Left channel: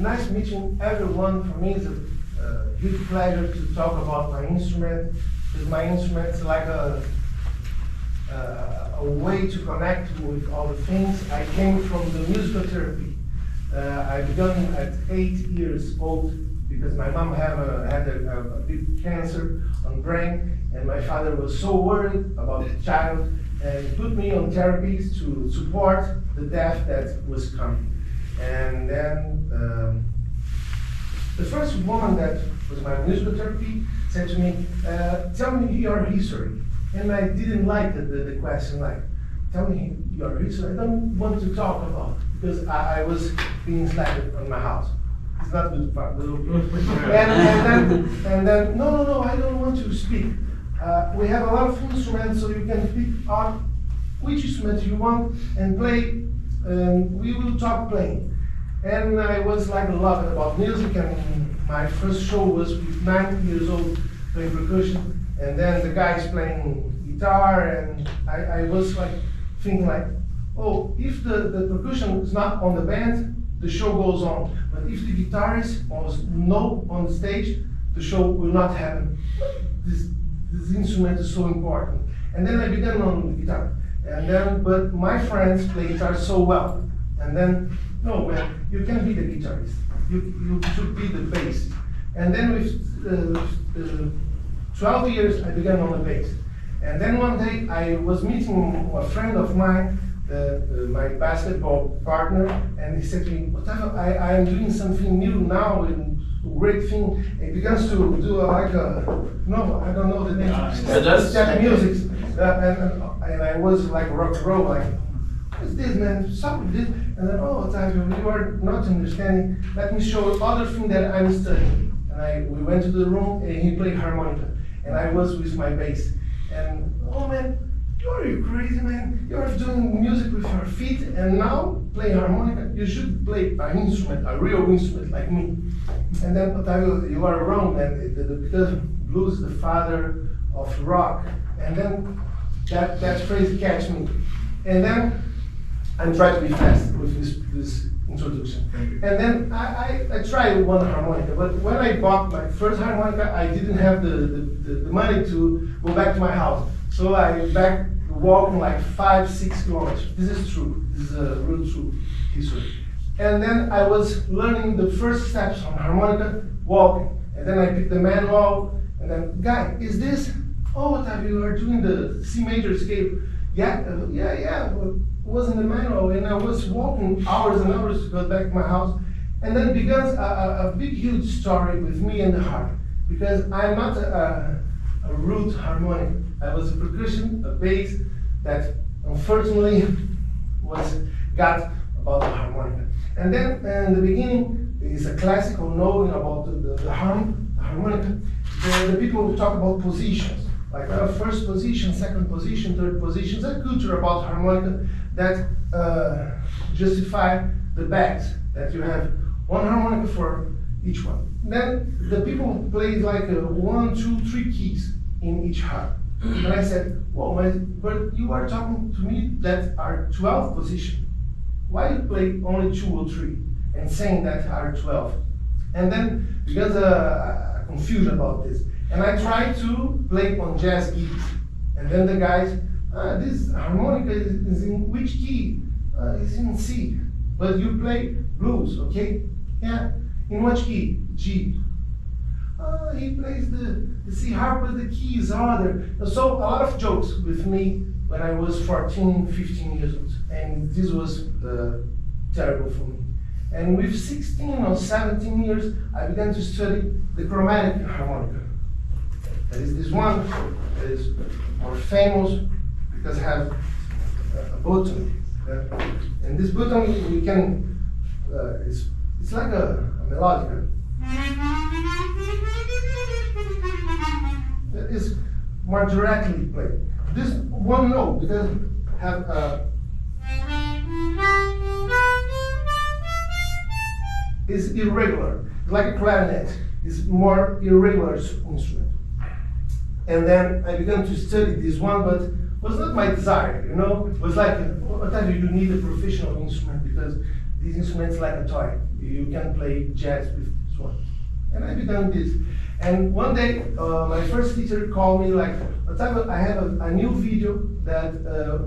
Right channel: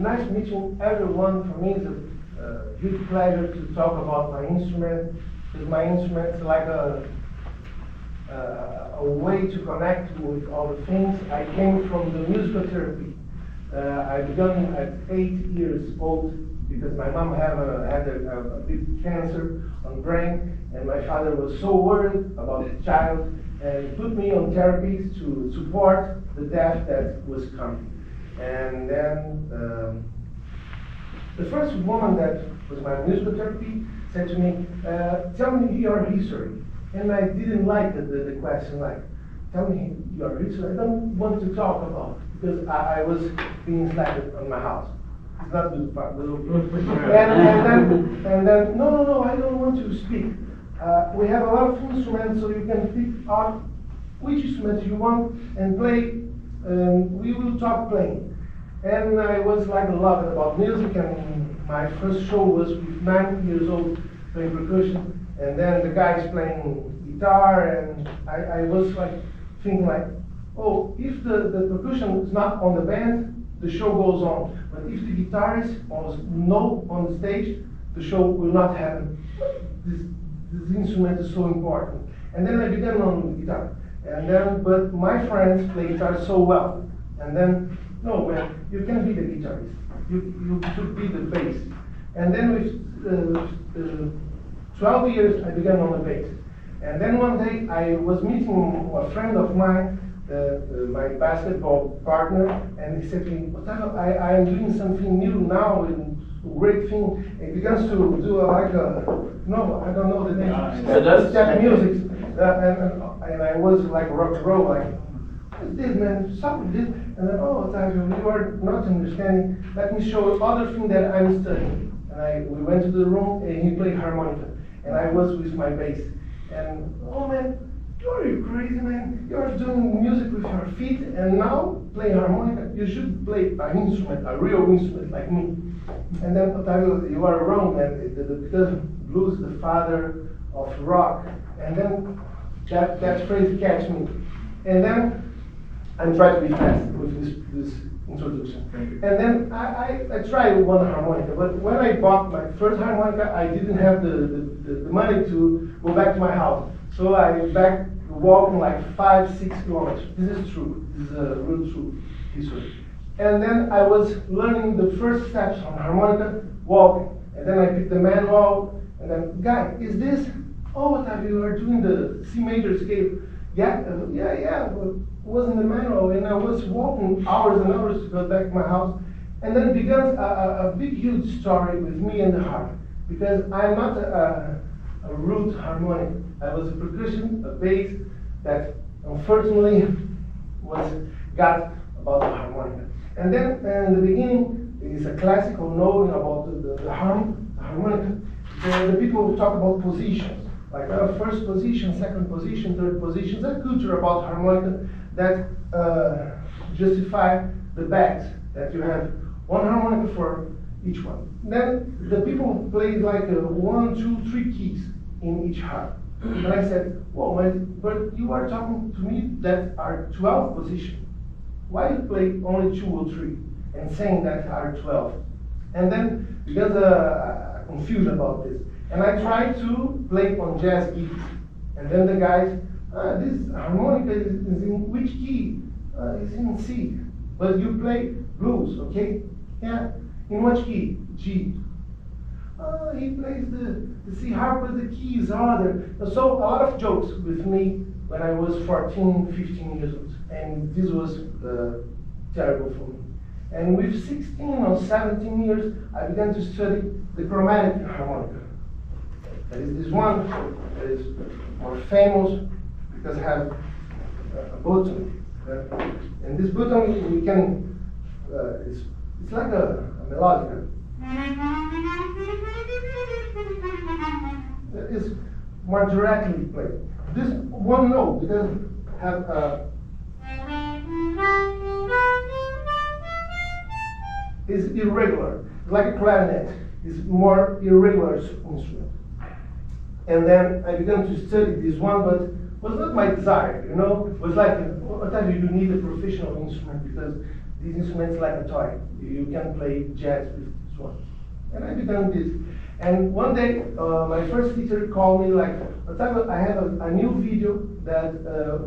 nice meeting everyone. For me, it's a huge pleasure to talk about my instrument, because my instrument is like a way to connect with all the things. I came from the musical therapy. I began at 8 years old because my mom had a big cancer on brain, and my father was so worried about the child and put me on therapies to support the death that was coming. And then the first woman that was my musical therapy said to me, tell me your history. And I didn't like the question, like, tell me your history. I don't want to talk about it, because I was being slapped on my house. It's not good part. and then, no, I don't want to speak. We have a lot of instruments, so you can pick out which instrument you want and play. We will talk playing. And I was like loved about music, and my first show was with 9 years old playing percussion. And then the guys playing guitar, and I was like thinking like, oh, if the percussion is not on the band, the show goes on. But if the guitarist was not on the stage, the show will not happen. This instrument is so important. And then I began on the guitar. And then, but my friends play guitar so well. And then, no, man, you can be the guitarist. You should be the bass. And then with 12 years, I began on the bass. And then one day, I was meeting a friend of mine, my basketball partner, and he said to me, I am doing something new now, and great thing. He begins to do like no, I don't know the name. Just music. And I was like rock and roll, like, what's this, man? Stop with this. And then, oh, Otavio, you are not understanding. Let me show you other thing that I'm studying. And we went to the room, and he played harmonica. And I was with my bass. And, oh man, you're crazy, man. You're doing music with your feet, and now playing harmonica. You should play an instrument, a real instrument like me. And then, Otavio, you are wrong, man. Because blues is the father of rock. And then that phrase catch me. And then I'm trying to be fast with this introduction. And then I tried one harmonica, but when I bought my first harmonica, I didn't have the money to go back to my house. So I back walking like 5-6 kilometers. This is true. This is a real true history. And then I was learning the first steps on harmonica, walking. And then I picked the manual, and then, guy, is this? Oh, Otavio, you are doing the C major scale. Yeah, well, it was in the manual, and I was walking hours and hours to go back to my house. And then begins a big, huge story with me and the harp. Because I'm not a root harmonic. I was a percussion, a bass, that unfortunately got about the harmonica. And then in the beginning, is a classical knowing about the harmonica. The people talk about positions, like first position, second position, third position. There's a culture about harmonica that justify the bags, that you have one harmonica for each one. Then the people play like 1, 2, 3 keys in each harp. And I said, well, but you are talking to me that are 12 positions. Why you play only 2 or 3 and saying that are 12? And then because confusion about this. And I tried to play on jazz keys. And then the guys, this harmonica is in which key? It's in C. But you play blues, okay? Yeah. In which key? G. He plays the C harp, but the key is other. So a lot of jokes with me when I was 14, 15 years old. And this was terrible for me. And with 16 or 17 years, I began to study the chromatic harmonica. That is this one that is more famous because it has a button. And this button, we can, it's like a melodica. It is more directly played. This one note, because have is irregular. It's like a clarinet. It's more irregular instrument. And then I began to study this one, but it was not my desire, you know? It was like, Otavio, you need a professional instrument because This instrument is like a toy. You can play jazz with this one. And I began this. And one day, my first teacher called me like, I had a new video that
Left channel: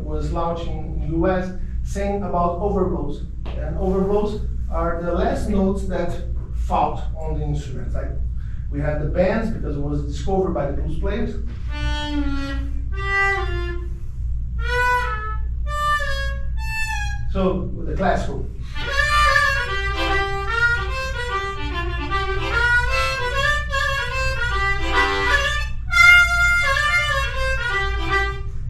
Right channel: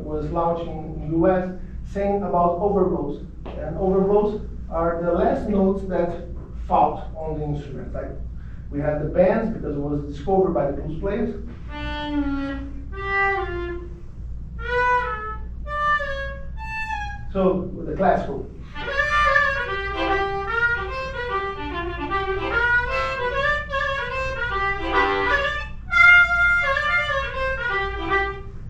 was launched in the US saying about overblows. And overblows are the last notes that fall on the instrument. Like we had the bands because it was discovered by the blues players. So with the classical.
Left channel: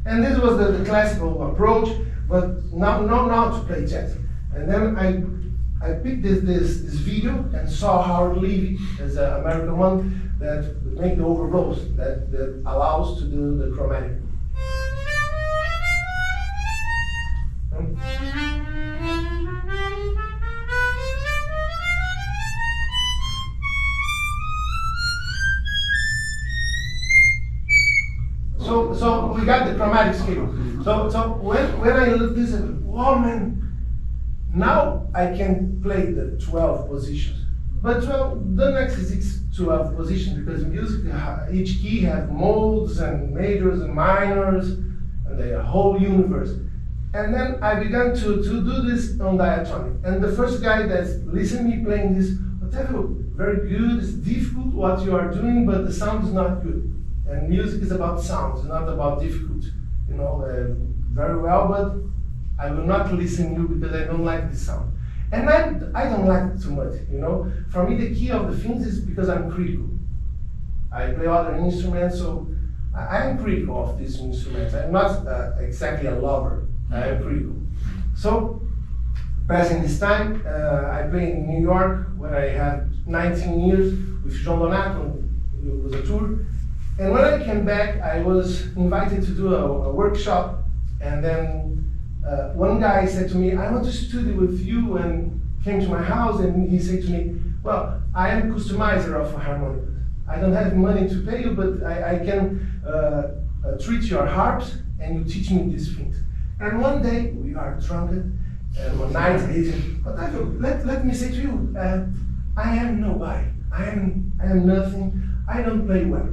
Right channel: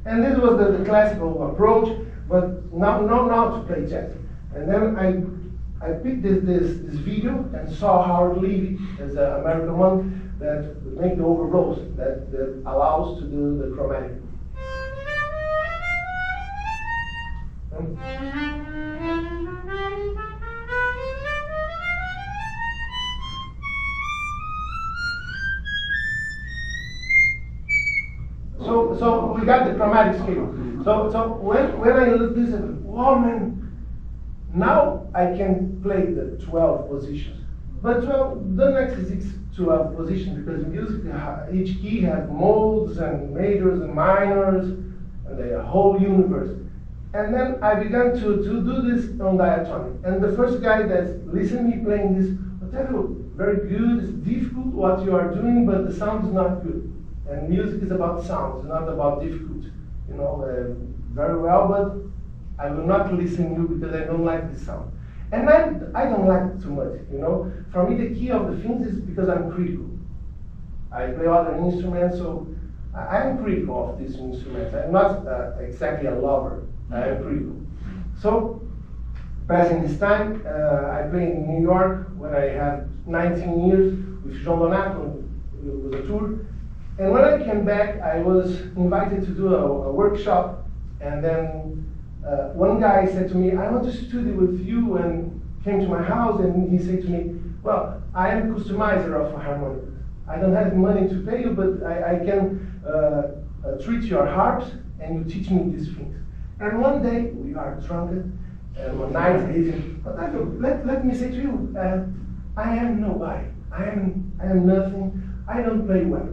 And this was the classical approach, but now to play jazz. And then I picked this video and saw Howard Levy as an American one that would make the overblows, that allows to do the chromatic. So we got the chromatic scale. So when I look this, wow man, now I can play the 12 positions. But the next is 12 positions because music, each key has modes and majors and minors, and the whole universe. And then I began to do this on diatonic. And the first guy that's listening to me playing this, whatever, very good, it's difficult what you are doing, but the sound is not good. And music is about sound, it's not about difficult. You know, very well, but I will not listen to you because I don't like this sound. And I don't like it too much, you know. For me, the key of the things is because I'm critical. I play other instruments, so I'm critical of these instruments. I'm not exactly a lover, I'm critical. So, passing this time, I played in New York when I had 19 years with John Donato. It was a tour. And when I came back, I was invited to do a workshop, and then one guy said to me, I want to study with you, and came to my house, and he said to me, well, I am a customizer of harmonica. I don't have money to pay you, but I can treat your harps, and you teach me these things. And one day, we are drunk, and one night, he said, but let me say to you, I am nobody. I am nothing. I don't play well.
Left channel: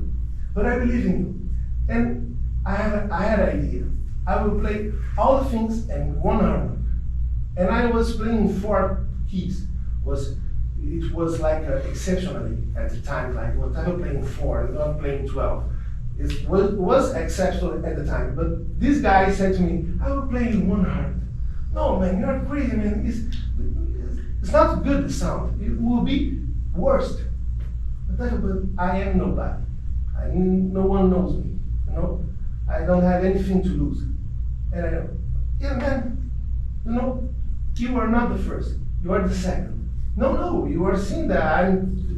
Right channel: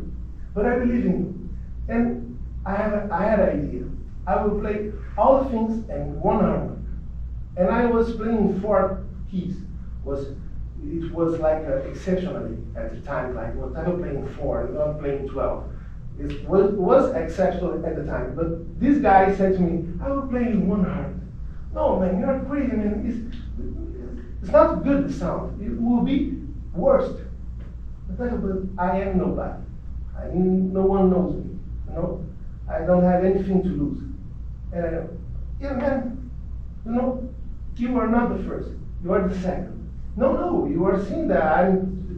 But I believe in you. And I had an idea. I will play all the things in one harmonic. And I was playing 4 keys. It was like exceptionally at the time, like whatever playing 4, not playing 12. It was exceptional at the time. But this guy said to me, I will play in one harmonic. No man, you're crazy man. It's not good the sound. It will be worst. But I am nobody. No one knows me, you know. I don't have anything to lose. And I go, yeah, man, you know, you are not the first. You are the second. No, you are seeing that. I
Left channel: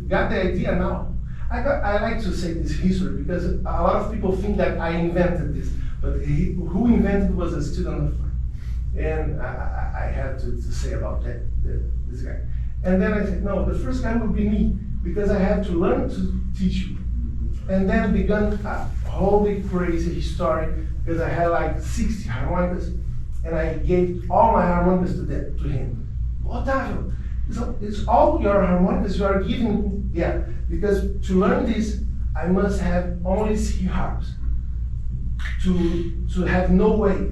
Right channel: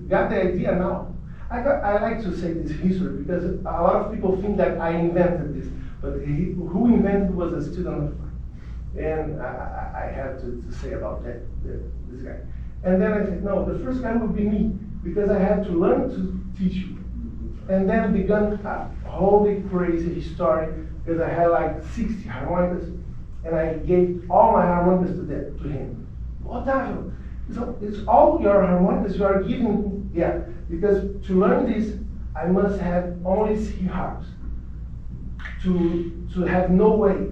got the idea now. I like to say this history because a lot of people think that I invented this, but who invented was a student of mine. And I had to say about that, this guy. And then I said, no, the first guy will be me because I have to learn to teach you. And then began a holy crazy story because I had like 60 harmonicas and I gave all my harmonicas to him. Otávio, it's all your harmonicas you are giving? Yeah, because to learn this, I must have only 3 harps to have no weight.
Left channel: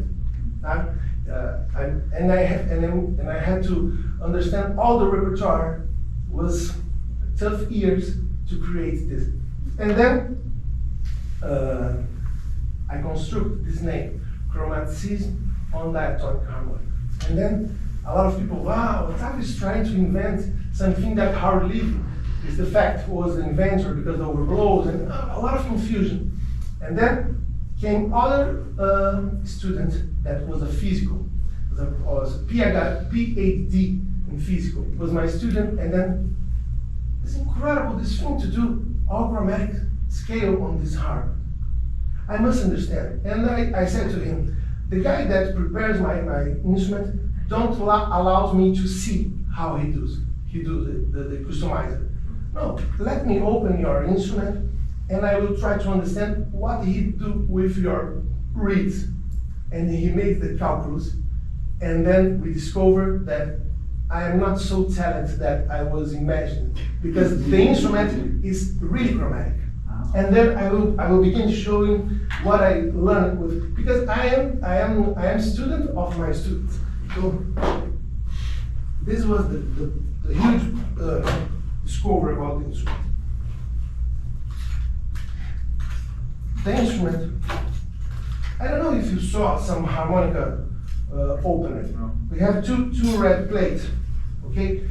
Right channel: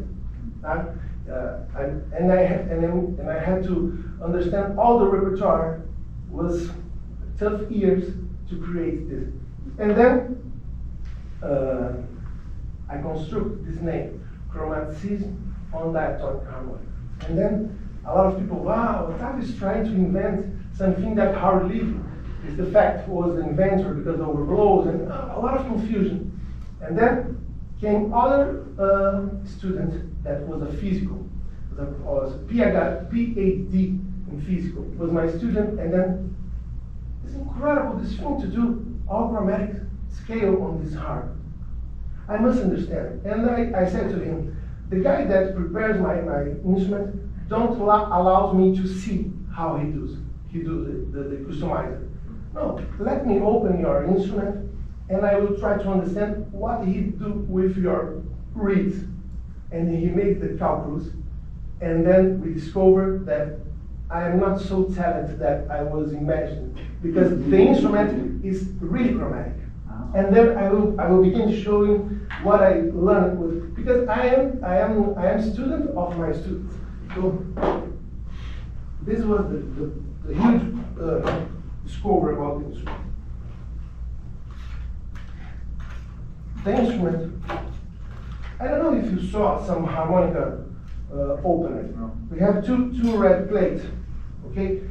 And I had to understand all the repertoire. Was tough years to create this. And then I construct this name, chromaticism on diatonic harmonic. And then a lot of people, wow, Otávio is trying to invent something that Howard Levy is the fact was the inventor because of overblows and a lot of confusion. And then came other student that was a physical, was a PhD in physical. It was my student, and then it's incredible this thing to do all chromatic scale on this harp. I must understand. And I said to him, the guy that prepares my instrument allows me to see how he does the customizer. No, let me open your instrument and I will try to understand what he do with your reeds. And he makes the calculus, and then we discover that I am not so talented that I was imagining, because the instrument is really chromatic. And then I will begin showing what I learned with, because I am student of my students. So this was the huge discovery about the instrument. The instrument, I don't know if you saw some harmonica opener. No. We have two red plates, okay?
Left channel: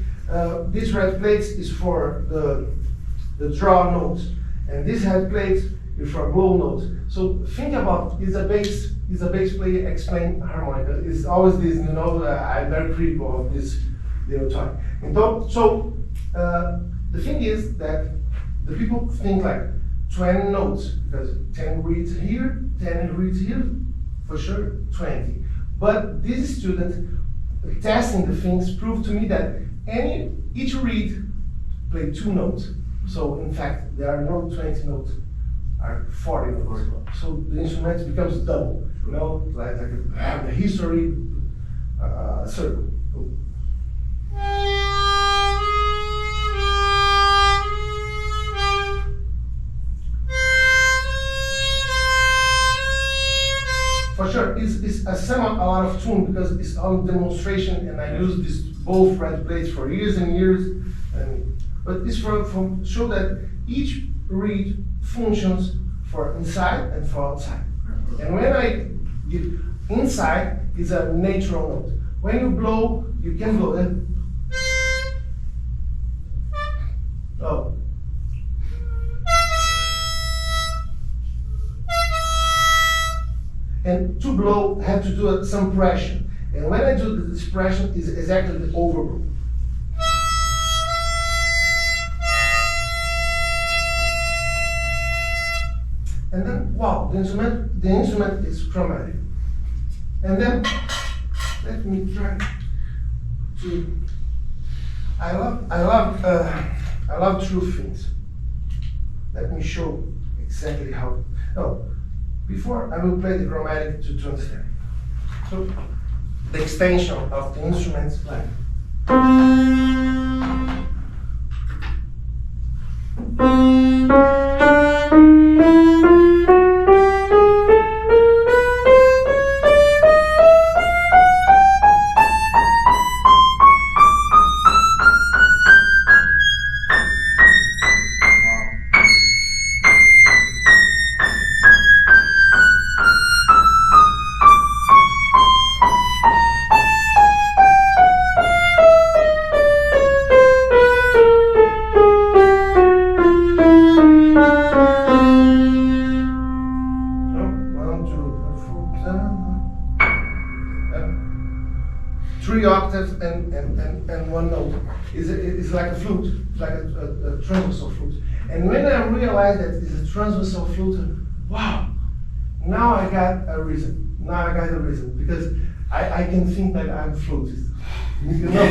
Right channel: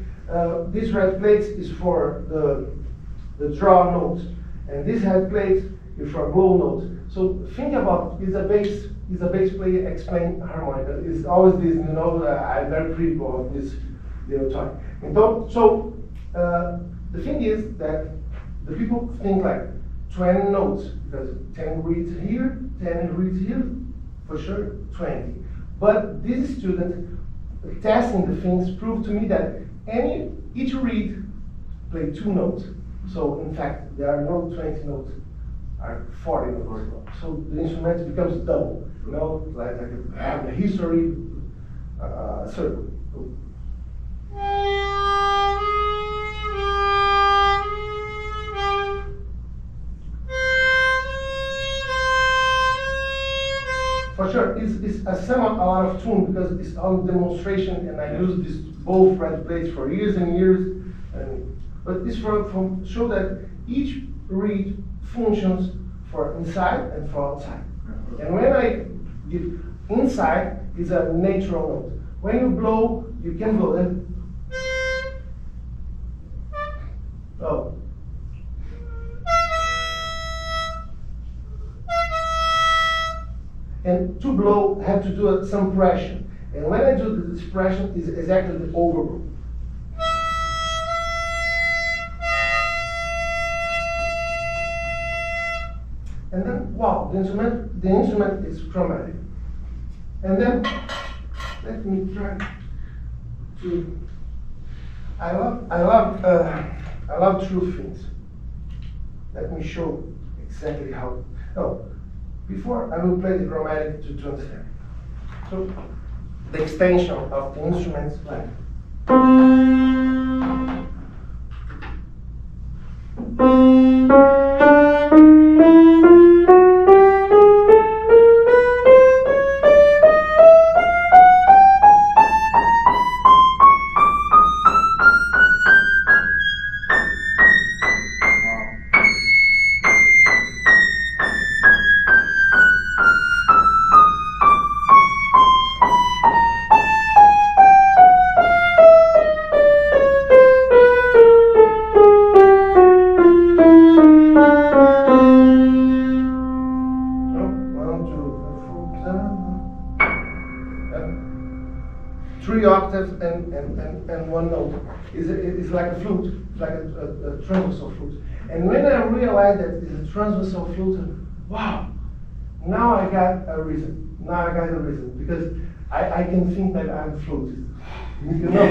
This red plate is for the draw notes, and this red plate is for blow notes. So think about, is a bass player explain harmonica? It's always this, you know, I'm very critical of this little toy. And so the thing is that the people think like 20 notes, because 10 reads here, 10 reads here, for sure 20. But this student testing the things proved to me that each reed play 2 notes. So in fact, there are no 20 notes, are 40 notes. So the instrument becomes double, you know, like a history circle. For sure, it's a lot of tune, because it's on demonstration, and I use this both red plates for years and years. But this from show that each reed functions for inside and for outside. And when I give inside, is a natural note. When you blow, you can blow it. Oh. And to blow, have to do some pressure. And when I do this pressure, is exactly the overblow. And then, wow, the instrument is chromatic. And then, let me try to. I love true things. Let me show exactly how. Oh, before I will play the chromatic to understand. So, the extension of the instrument's like. Three octaves and one note. It's like a flute, like a transversal flute. And when I realized that it's a transversal flute, wow, now I got a reason. Because I can think that I'm a flutist. You know?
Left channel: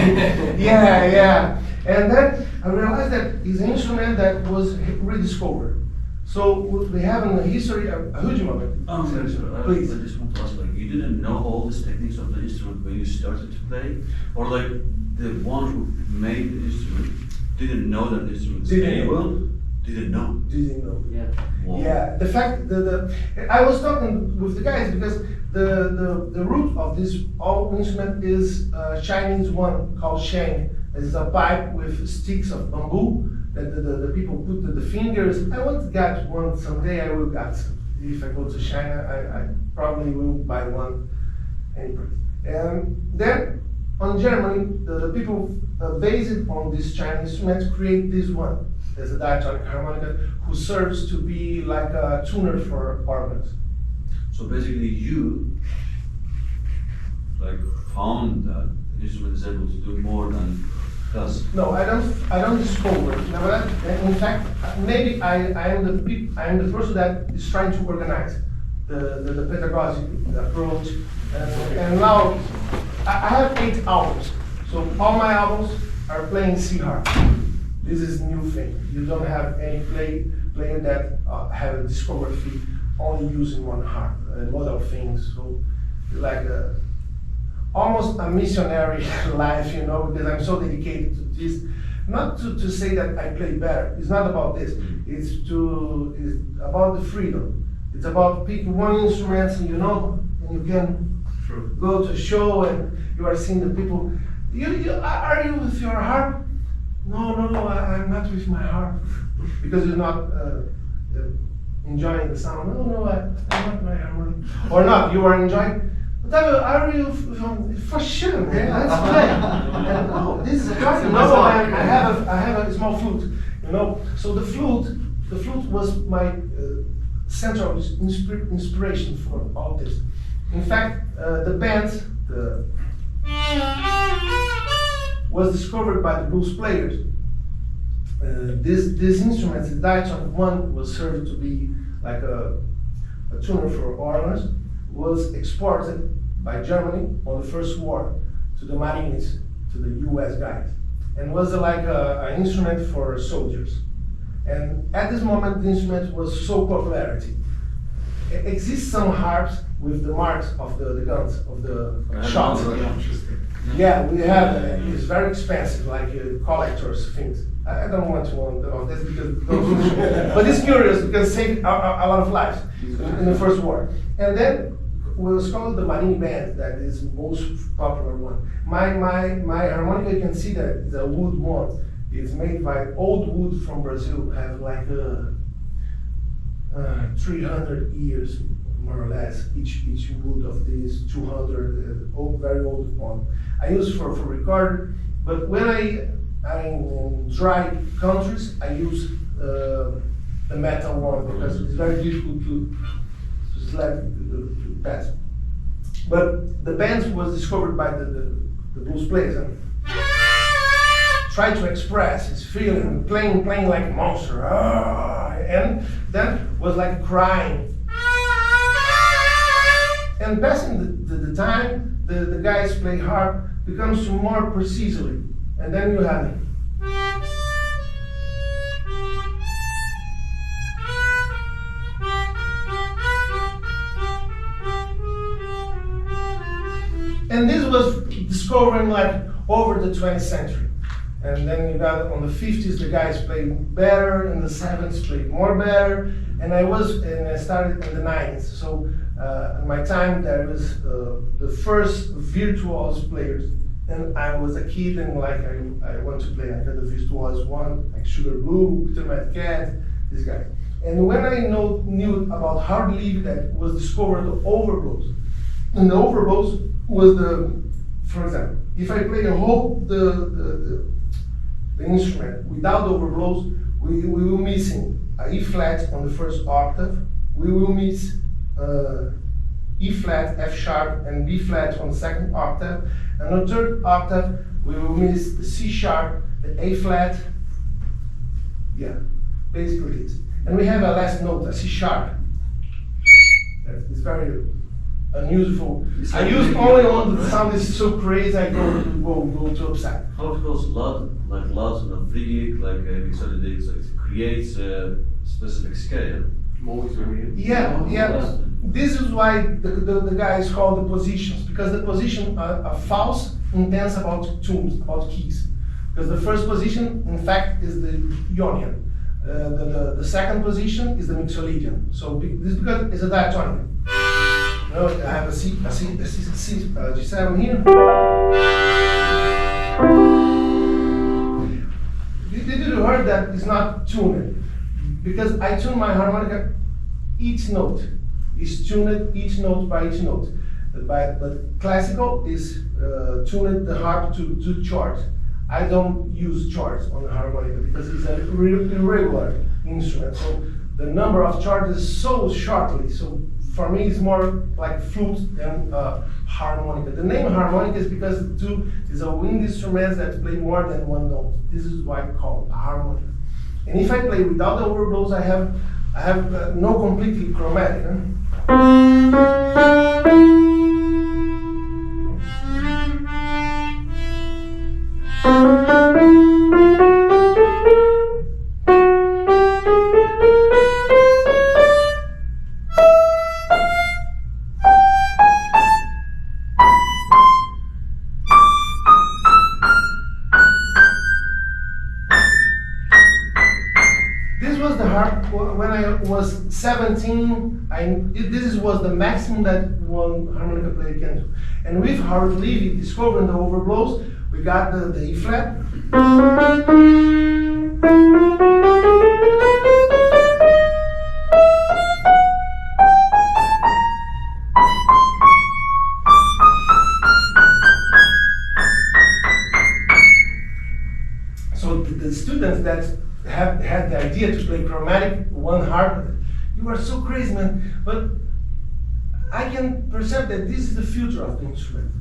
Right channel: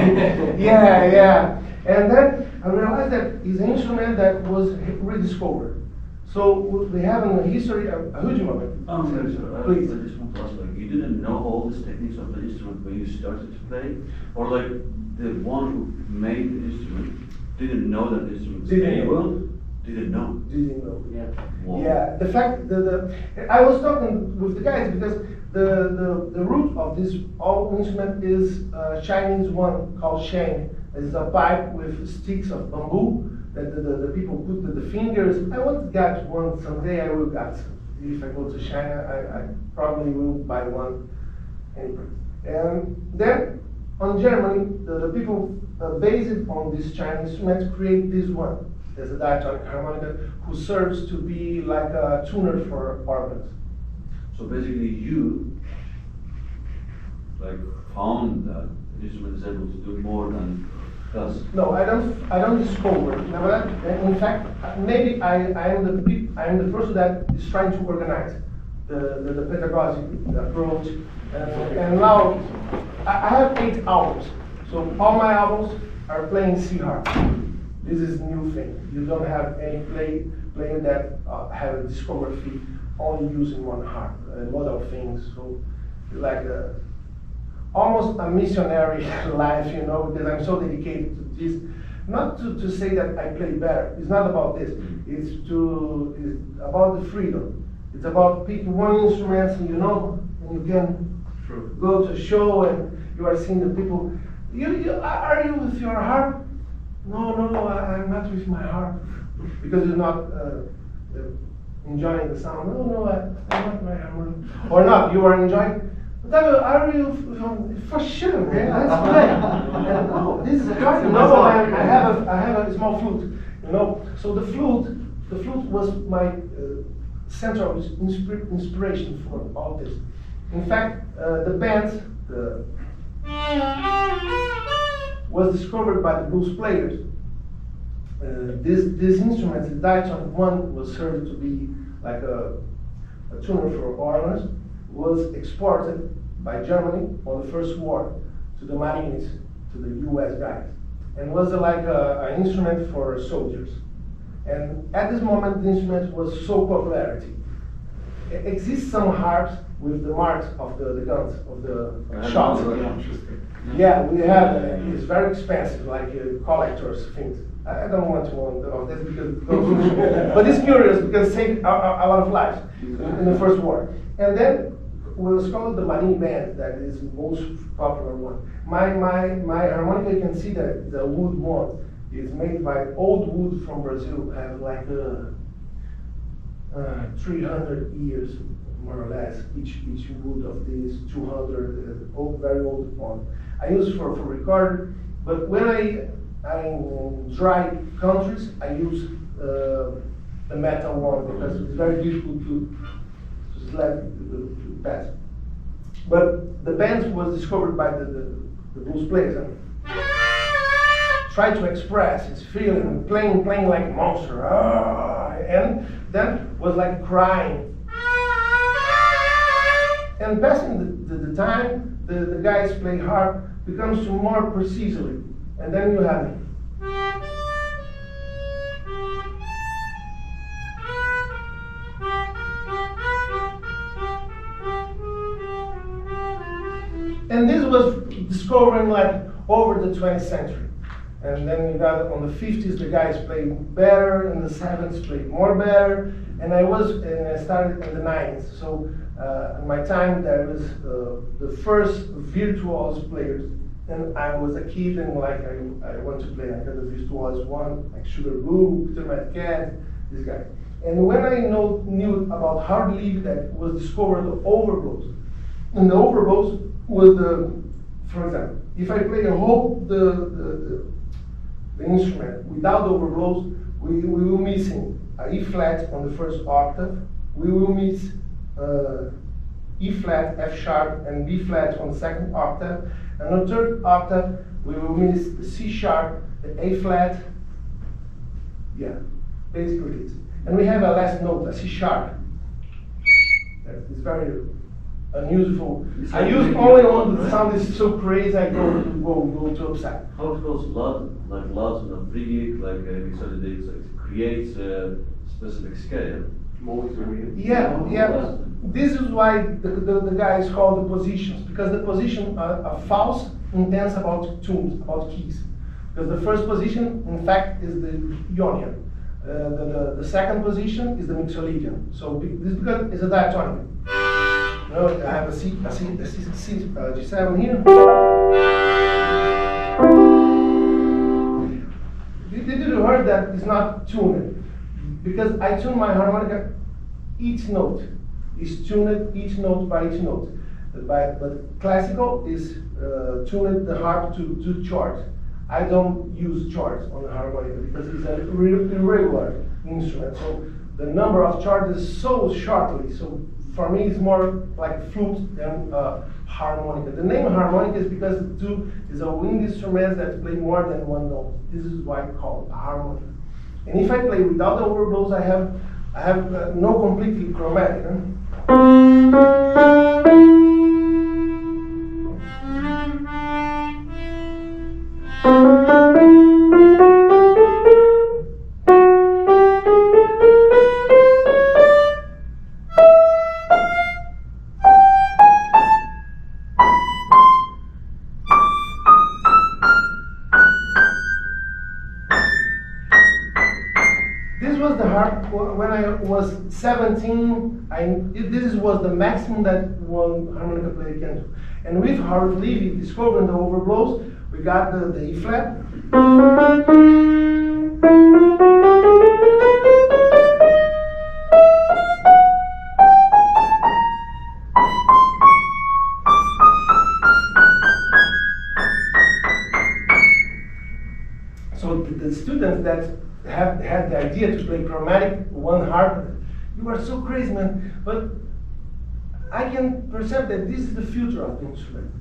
Yeah. And then I realized that it's an instrument that was rediscovered. So we have in the history a huge moment. Please. I just want to ask, like, you didn't know all these techniques of the instrument when you started to play? Or like, the one who made the instrument didn't know that the instrument was able? Didn't know. Yeah. Wow. Yeah. The fact that I was talking with the guys, because the root of this all instrument is a Chinese one called sheng. It's a pipe with sticks of bamboo that the people put the fingers. I want to get one someday. I will get some. If I go to China, I probably will buy one anyway. And then on Germany, the people based on this Chinese instrument create this one. There's a diatonic harmonica who serves to be like a tuner for organs. So basically you like found that the instrument is able to do more than us. No, I don't discover. In fact, maybe I am the person that is trying to organize the pedagogy, the approach, and now I have 8 albums. So all my albums are playing C harp. This is new thing. You don't have any player that have a discography only using one harp. A lot of things. So like almost a missionary life, you know, because I'm so dedicated to this. Not to say that I play better. It's not about this. It's about the freedom. It's about picking one instrument, and you know, and you can go to a show and you are seeing the people. Are you with your harp? No, I'm not with my harp because you're not enjoying the sound. No, I'm not my harmonic. Or not? You are enjoying. Are you for sure? Okay, let's play. And, oh, this is a harp. No, I have a small flute. You know, so the flute was my central inspiration for all this. In fact, the band was discovered by the blues players. This instrument, the diatonic one, was served to be like a tuner for organs, was exported by Germany on the First War to the Marines, to the US guys, and was like an instrument for soldiers. And at this moment, the instrument was so popularity. Exists some harps with the marks of the guns, of the shots. Yeah, we have, it's very expensive, like collectors things. I don't want to want of this because, but it's curious because it saved a lot of lives in the First War. And then we was called the Marine Band, that is the most popular one. My harmonica, you can see that it's a wood one. It's made by old wood from Brazil, have like 300 years, more or less, each wood of these 200, very old one. I use for record, but when I'm in dry countries, I use the metal one because it's very difficult to slap to pass. But the band was discovered by the blues players and try to express his feeling, playing like a monster, and then was like crying. And passing the time, the guys play harp becomes more precisely, and then you have it. And this was discovering like over the 20th century. And then you got on the 50s, the guys played better, in the 70s played more better, and I started in the 90s. So in my time, there was the first virtuoso players, and I was a kid, and like I want to play like the virtuoso one, like Sugar Blue, Peter Mad Cat, this guy. And when I knew about hard lead, that was discovered the overblows, and the overblows was for example, if I play a whole the instrument without the overblows, we will missing a E flat on the first octave, we will miss E flat, F sharp, and B flat on the second octave, and on the third octave we will miss the C sharp, the A flat, yeah, basically this. And we have a last note, a C sharp. It's very unusual. I use only one the sound is so crazy. I go to upside. How it goes lots on a free like so it creates a specific scale. Yeah. This is why the guy is called the positions, because the position are false intense about tunes, about keys. Because the first position, in fact, is the Ionian. The second position is the Mixolydian. So this because it's a diatonic. You know, I have a G7 here. Did you heard that it's not tuned? Because I tune my harmonica, each note is tuned each note by each note. But classical is tuned the harp to chords. I don't use chords on the harmonica because it's a irregular instrument. So the number of chords is so shortly. So for me, it's more like flute than harmonica. The name harmonica is because the two is a wind instrument that play more than one note. This is why I call it a harmonica. And if I play without the overblows, I have no completely chromatic. I was 17, this was the maximum that one harmonica player can do. And with Howard Levy discovering the overblows, we got the E flat. So the students that have had the idea to play chromatic one harp, you are so crazy, man. But I can perceive that this is the future of the instrument.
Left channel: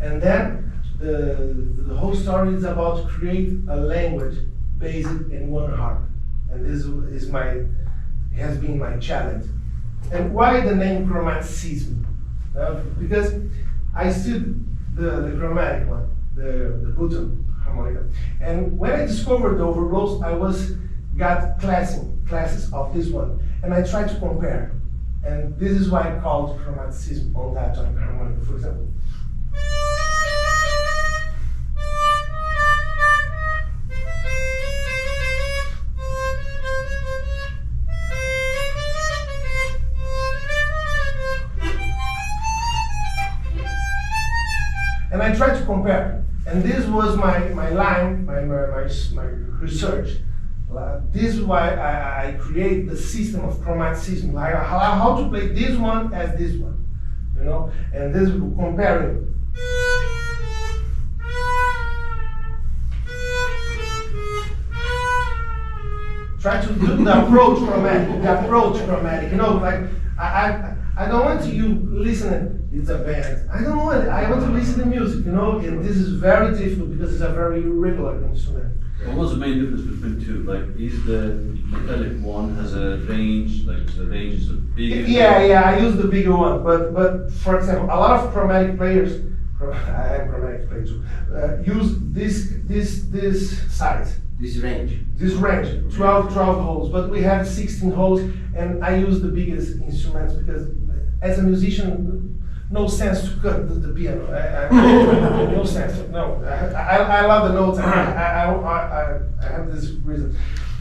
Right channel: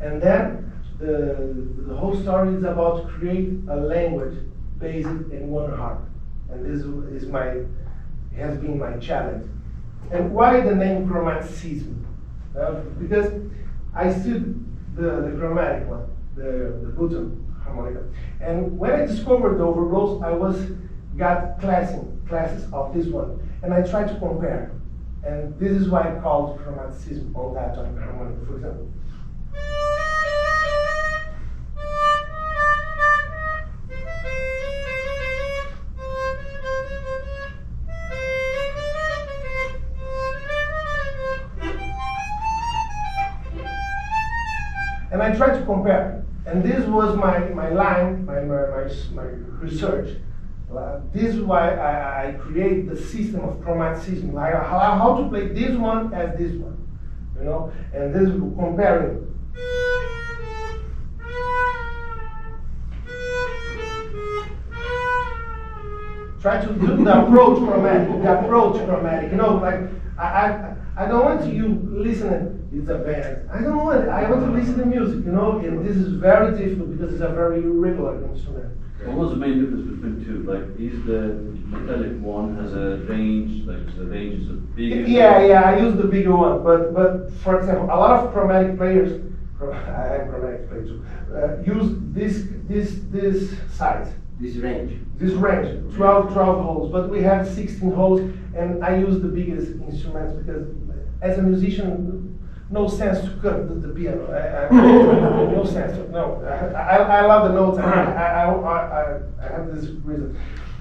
And then the whole story is about create a language based in one harp. And this is has been my challenge. And why the name chromaticism? Because I studied the chromatic one, the button harmonica. And when I discovered the overblows, I got classes of this one. And I tried to compare. And this is why I called chromaticism on diatonic harmonica, for example. And I tried to compare. And this was my line, my research. This is why I create the system of chromaticism, like how to play this one as this one, you know, and this comparing. Try to do the approach chromatic, you know, like I don't want you listening. It's a band. I don't want it. I want to listen to music, you know, and this is very difficult because it's a very irregular instrument. What was the main difference between two? Like, is the metallic one has a range, like the range is bigger? Yeah, I use the bigger one, but for example, a lot of chromatic players, I am chromatic player too, use this size. This range. This range, 12 holes, but we have 16 holes, and I use the biggest instruments because as a musician, no sense to cut the piano. No sense. No, I love the notes. I have this reason.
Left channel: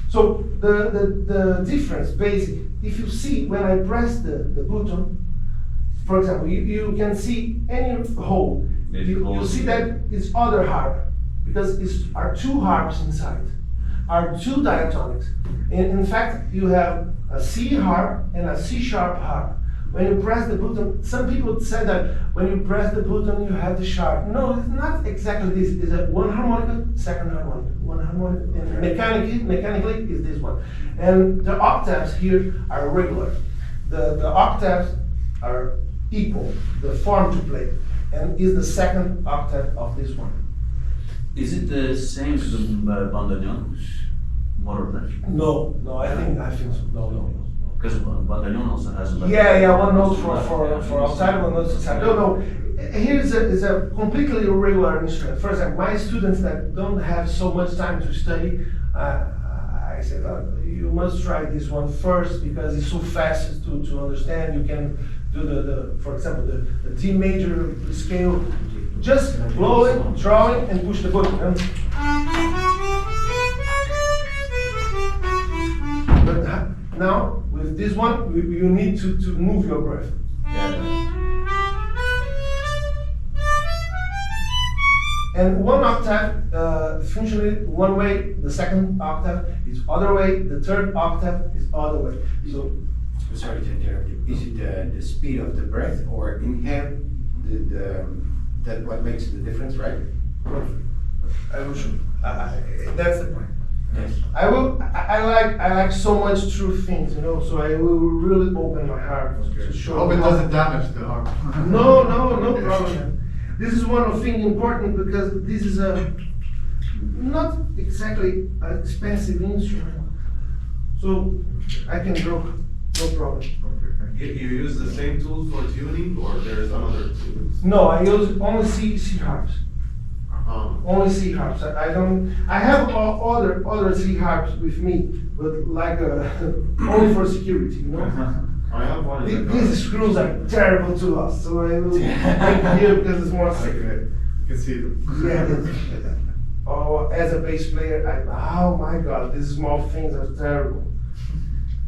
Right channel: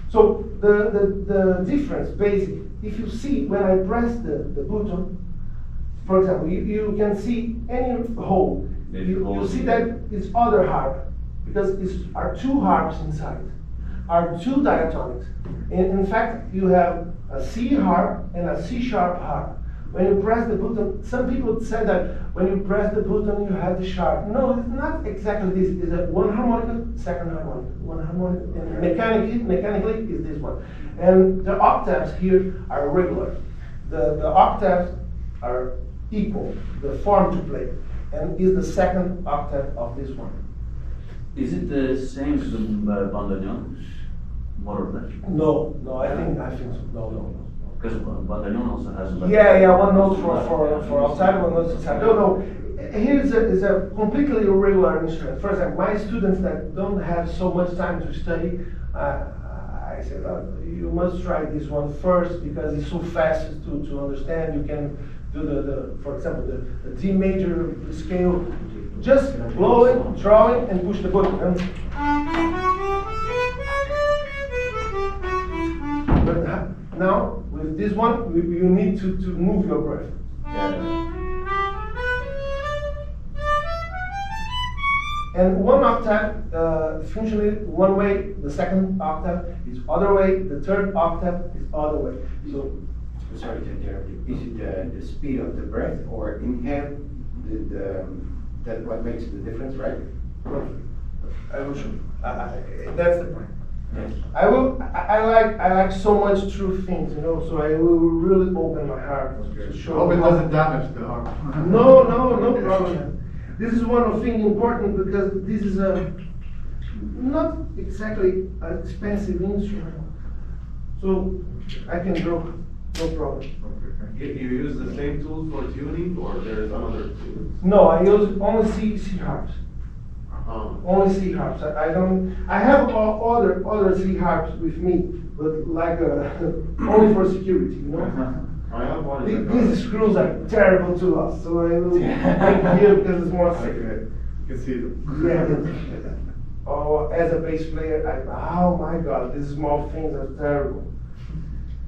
So the difference, basic. If you see when I press the button, for example, you can see any hole. You see that it's other harp because it's are two harps inside, are two diatonics. In fact, you have a C harp and a C sharp harp. When you press the button, some people say that when you press the button, you have the sharp. No, it's not exactly this. It's a one harmonica, second harmonica, one harmonica, and mechanically is this one. And the octaves here are regular. The octaves are equal, the form to play, and is the second octave of this one. Is it the same as the bandoneon, more or less? No, I think so. No. Because bandoneon also has a. Yeah, one note for outside, one note inside. No. Here is a completely irregular instrument. For example, my students that don't have so much time to study, I said, you must try this one first because it's so fast to understand. You can do for example, the D major scale, just blow it, draw it, and push the button. But now, with this one, you need to move your breath. And one octave, functionally one way, the second octave is other way, the third octave is other way. So, sorry to interrupt you. Is it the speed of the breath or inhale that what makes the difference, right? I will show. That's the point. Yes. I like so much true things, you know. So I will really open my heart to show. Hope it doesn't damage the harp. No problem. This is one of things important because this is a not exactly an expensive instrument, so I can draw, no problem. You use the same tool for tuning, or there's another tool? No, I use only C harps. Only C harps. I don't. I have other C harps with me, but like only for security, you know. I have one. These screws are terrible to us, so I will take here because it's more safe. You can see them. Yeah. Oh, as a bass player, oh my God, these small things are terrible.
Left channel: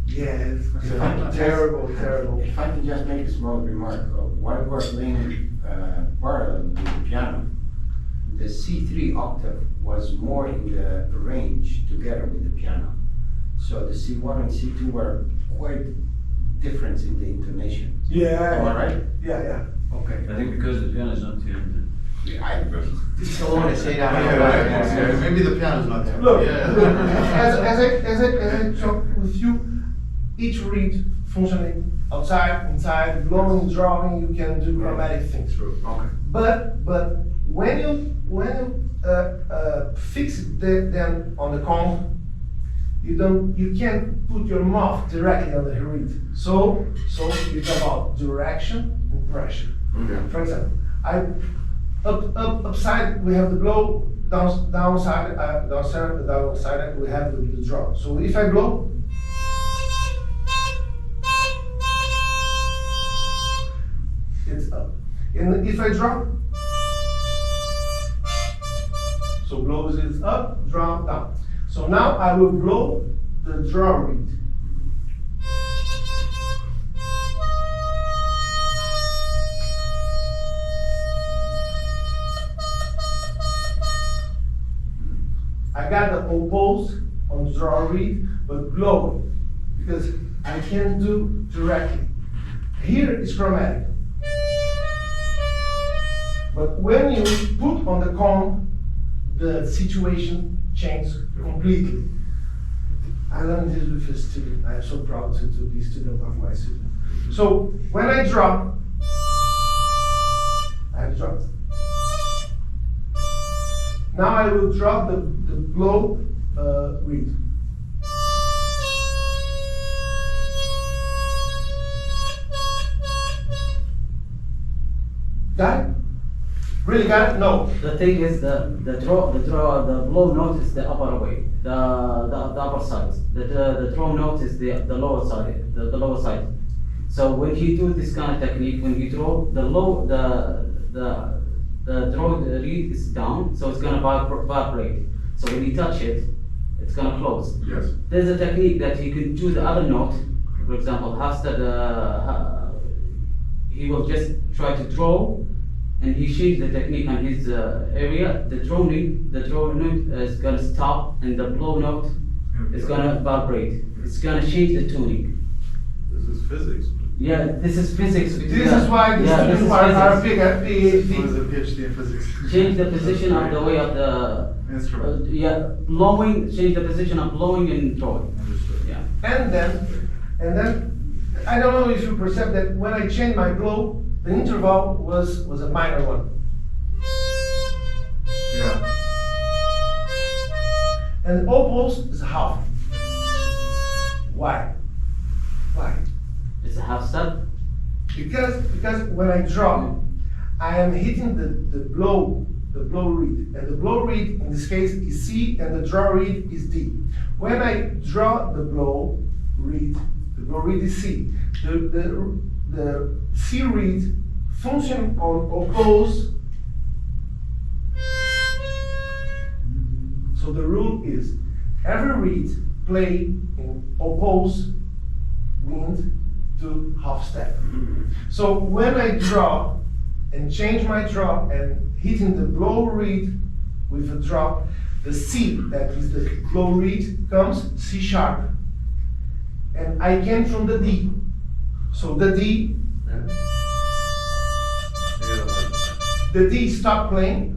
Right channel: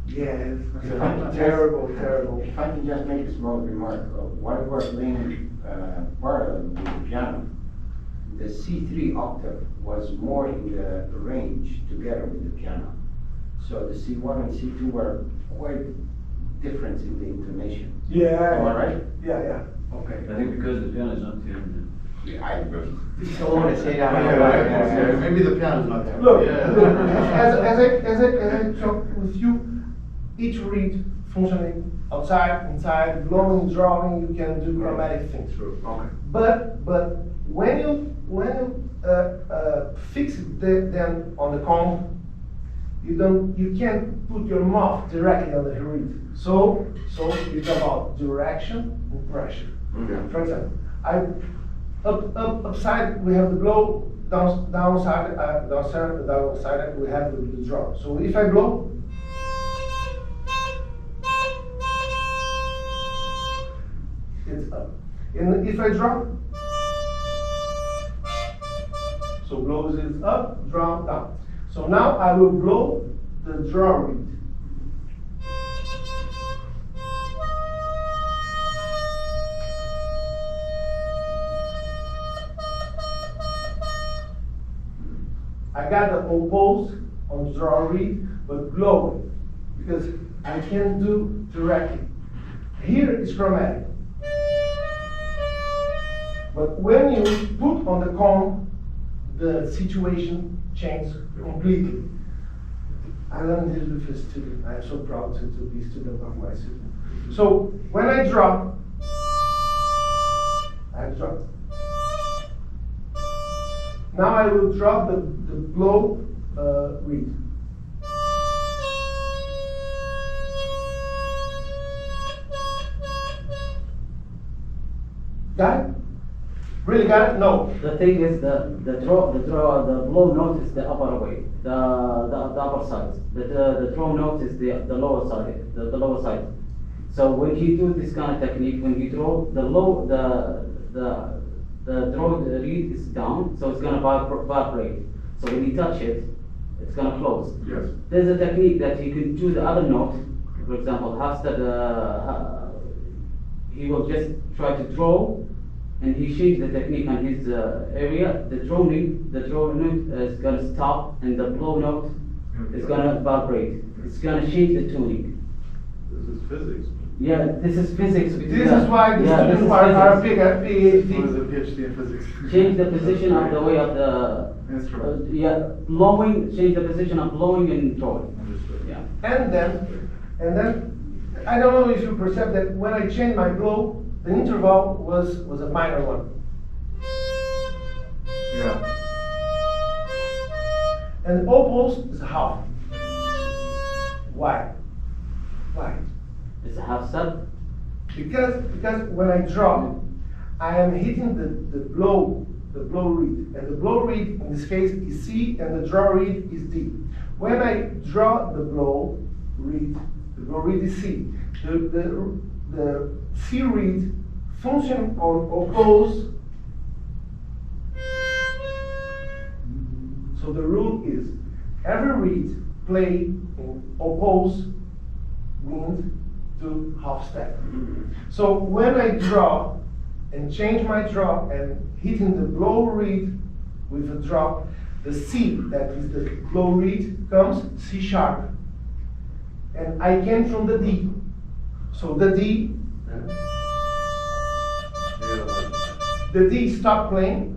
Yes, If I can terrible, terrible. If I can just make a small remark, while we're playing parallel with the piano, the C3 octave was more in the range together with the piano. So the C1 and C2 were quite different in the intonation. Yeah. Am I right? Yeah, yeah. Okay. I think because the piano is not tuned. I don't want to say that. Yeah, maybe the piano's not there. Look, Yeah. look, as I talk with you, each reed functioning outside, inside, blowing, drawing, you can do chromatic things. True. Okay. But when you fix them on the comb, you can't put your mouth directly on the reed. So you talk about direction and pressure. Okay. For example, upside we have the blow, downside we have the draw. So if I blow, it's up. And if I draw, so blows is up, draw down. So now I will blow the draw reed. I got the oppose on draw reed, but blowing, because I can't do directly. Here is chromatic. But when you put on the comb, the situation changes completely. I learned this with a student. I am so proud to be student of my student. So when I drop, I drop. Now I will drop the blow reed. Got it? Really got it? No. The thing is the blow note is the upper way, the upper side. The draw note is the lower side, the lower side. So when you do this kind of technique, when you draw the draw reed is down, so it's gonna vibrate. So when you touch it, it's gonna close. Yes. There's a technique that you can do the other note. For example, Hastad, he will just try to draw, and he changed the technique on his area. The draw note is gonna stop, and the blow note is gonna vibrate. It's gonna change the tuning. This is physics. Yeah, this is physics. This is why the Yeah, this students is are physics. big Who is a PhD. PhD in physics? Change the position of the way of the Instrument. yeah, blowing. Change the position of blowing and drawing. Understood. Yeah. And then, I don't know if you perceive that when I change my blow, the interval was a minor one. Yeah. And oppose is half. Why? Why? It's a half step. Because when I draw, I am hitting the blow reed, and the blow reed in this case is C, and the draw reed is D. When I draw the blow reed is C. The C reed function on oppose. So the rule is every reed play in oppose wind to half step. So when I draw and change my draw and hitting the blow reed with a drop, the C, that is the blow reed, comes C sharp. And I came from the D. So the D, the D stop playing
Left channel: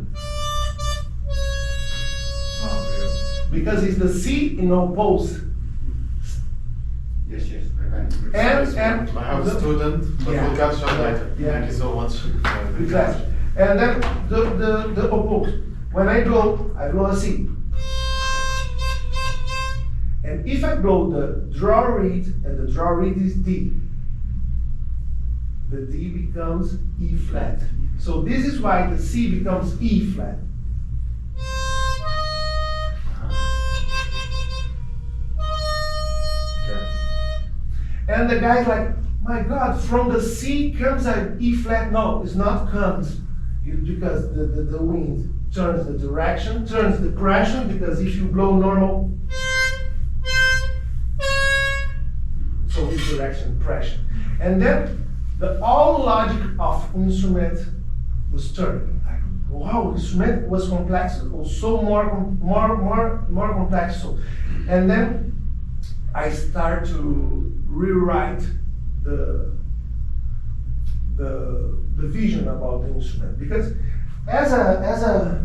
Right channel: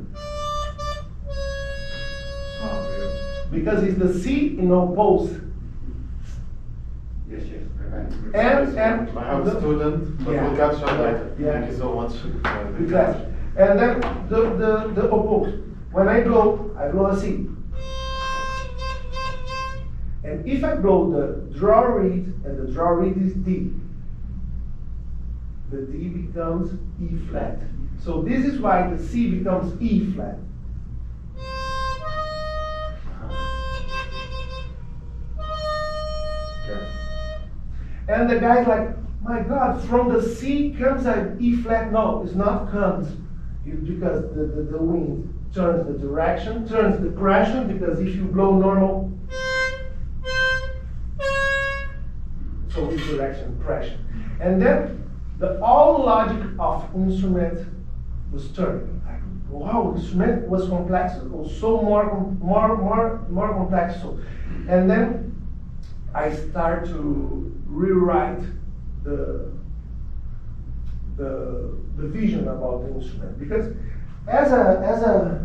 Oh, because it's the C in oppose. Yes. And I have a student, but Yeah. we'll catch up later. Yeah. Thank you so much. Exactly. And then the oppose. When I blow a C. And if I blow the draw reed, and the draw reed is D, the D becomes E flat. So this is why the C becomes E flat. Okay. And the guy's like, my God, from the C comes an E flat. No, it's not comes. It's because the wind turns the direction, turns the pressure, because if you blow normal, direction, pressure. And then the all logic of instrument was turned. Like, wow, instrument was complex, was so more complex. So, and then I start to rewrite the vision about the instrument, because as a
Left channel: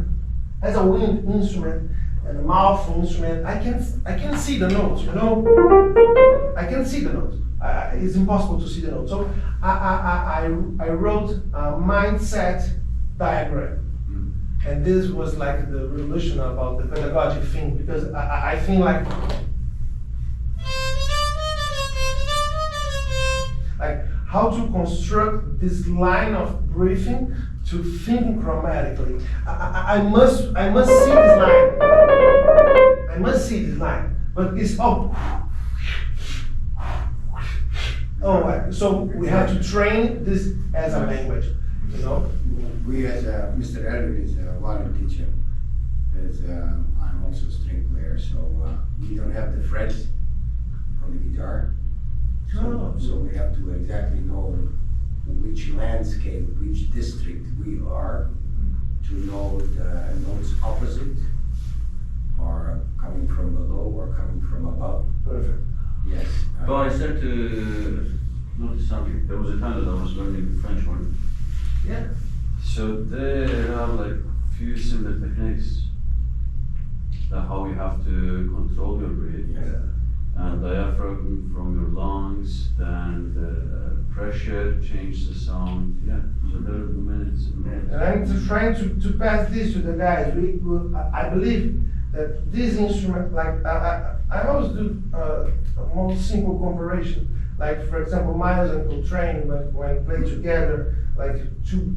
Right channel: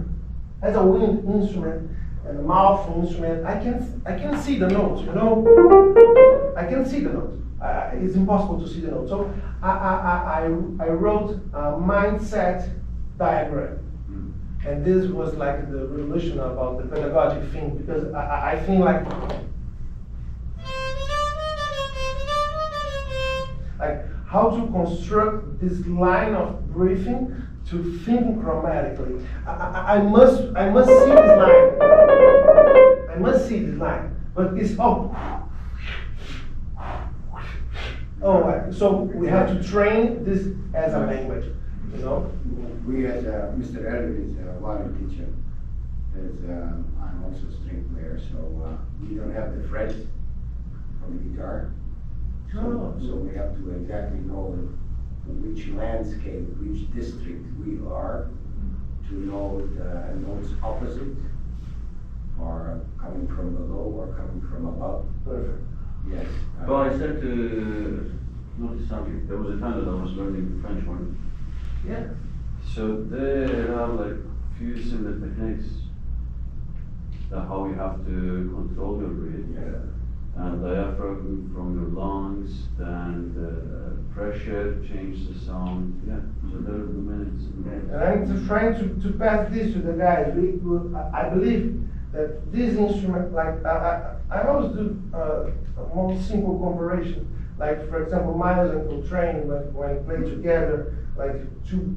wind instrument and a mouth instrument, I can see the notes, you know. I can see the notes. It's impossible to see the notes. So I wrote a mindset diagram, and this was like the revolution about the pedagogic thing, because I think like how to construct this line of breathing to think chromatically. I must see this line. I must see this line, but it's so we have to train this as a language, you know. We as Mr. Elliot is a violin teacher. I'm also a string player, so we don't have the frets on the guitar. So we have to exactly know which landscape, which district we are, to know the notes opposite, or coming from below or coming from above. Perfect. Yes. But I said to notice something. There was a time that I was learning French horn. Yeah. So there are like few similar techniques. How you have to control your breath. Yeah. And diaphragm from your lungs, then the pressure, change the sound. Yeah, so there are the minutes. And I'm just trying to pass this to the guys. I believe that this instrument, like I always do a more simple comparison. Like for example, Miles and Coltrane, when play together, like to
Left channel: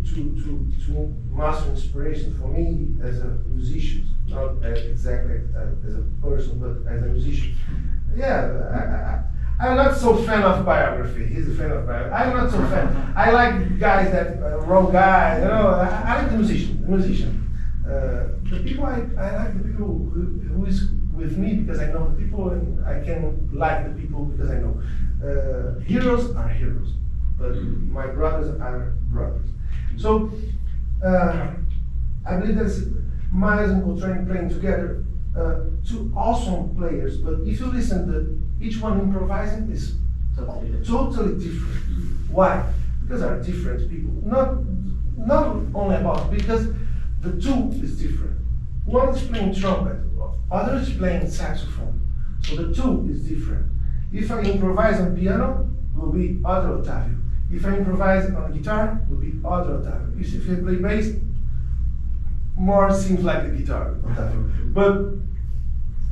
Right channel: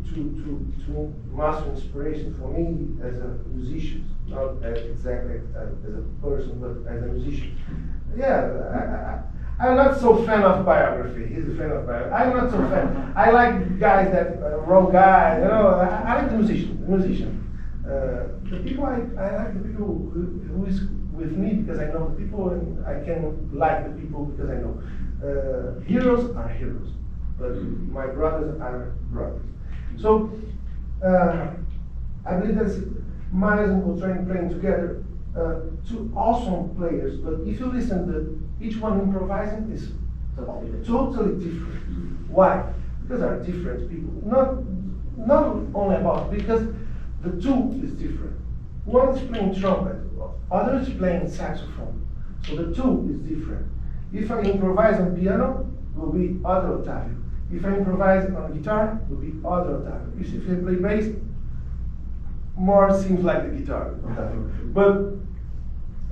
master inspiration for me as a musician, not exactly as a person, but as a musician. Yeah, I'm not so fan of biography. He's a fan of biography. I'm not so fan. I like guys that wrong guys. You know, I like the musician. The people I like the people who is with me, because I know the people, and I can like the people because I know. Heroes are heroes, but my brothers are brothers. So I believe that's Miles and Coltrane playing together. Two awesome players, but if you listen to each one improvising is totally different. Why? Because they are different people. Not only about, because the two is different. One is playing trumpet, other is playing saxophone. So the two is different. If I improvise on piano, it will be other Ottavio. If I improvise on guitar, it will be other Ottavio. If I play bass, more seems like the guitar, Ottavio. But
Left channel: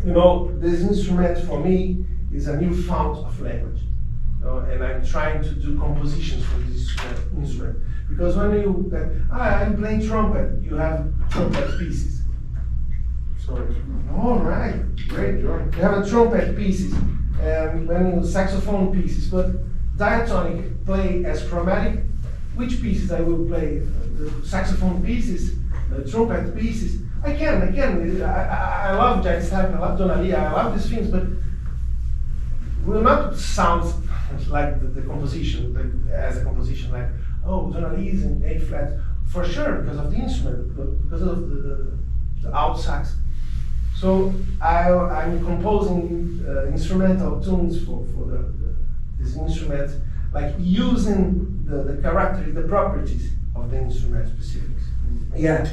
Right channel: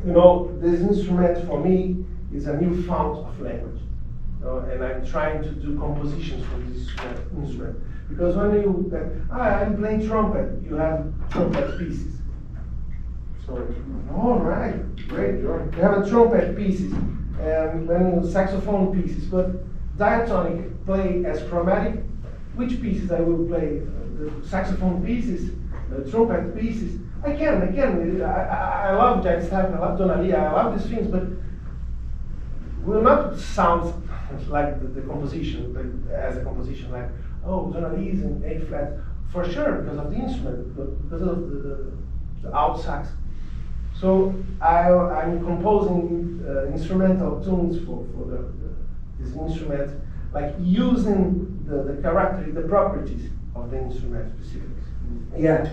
you know, this instrument for me is a new fount of language. You know, and I'm trying to do compositions for this instrument. Because when I'm playing trumpet, you have trumpet pieces. Sorry. All right, great. You have a trumpet pieces, and then saxophone pieces. But diatonic play as chromatic. Which pieces I will play? The saxophone pieces, the trumpet pieces. I can. I love Jack Stapp, I love Donalia, I love these things, but will not sound like the composition, like, as a composition, like, oh, Donalia is in A flat, for sure, because of the instrument, because of the alt sax. So I'm composing instrumental tunes for this instrument, like using the characteristics, the properties of the instrument specifics. Yeah,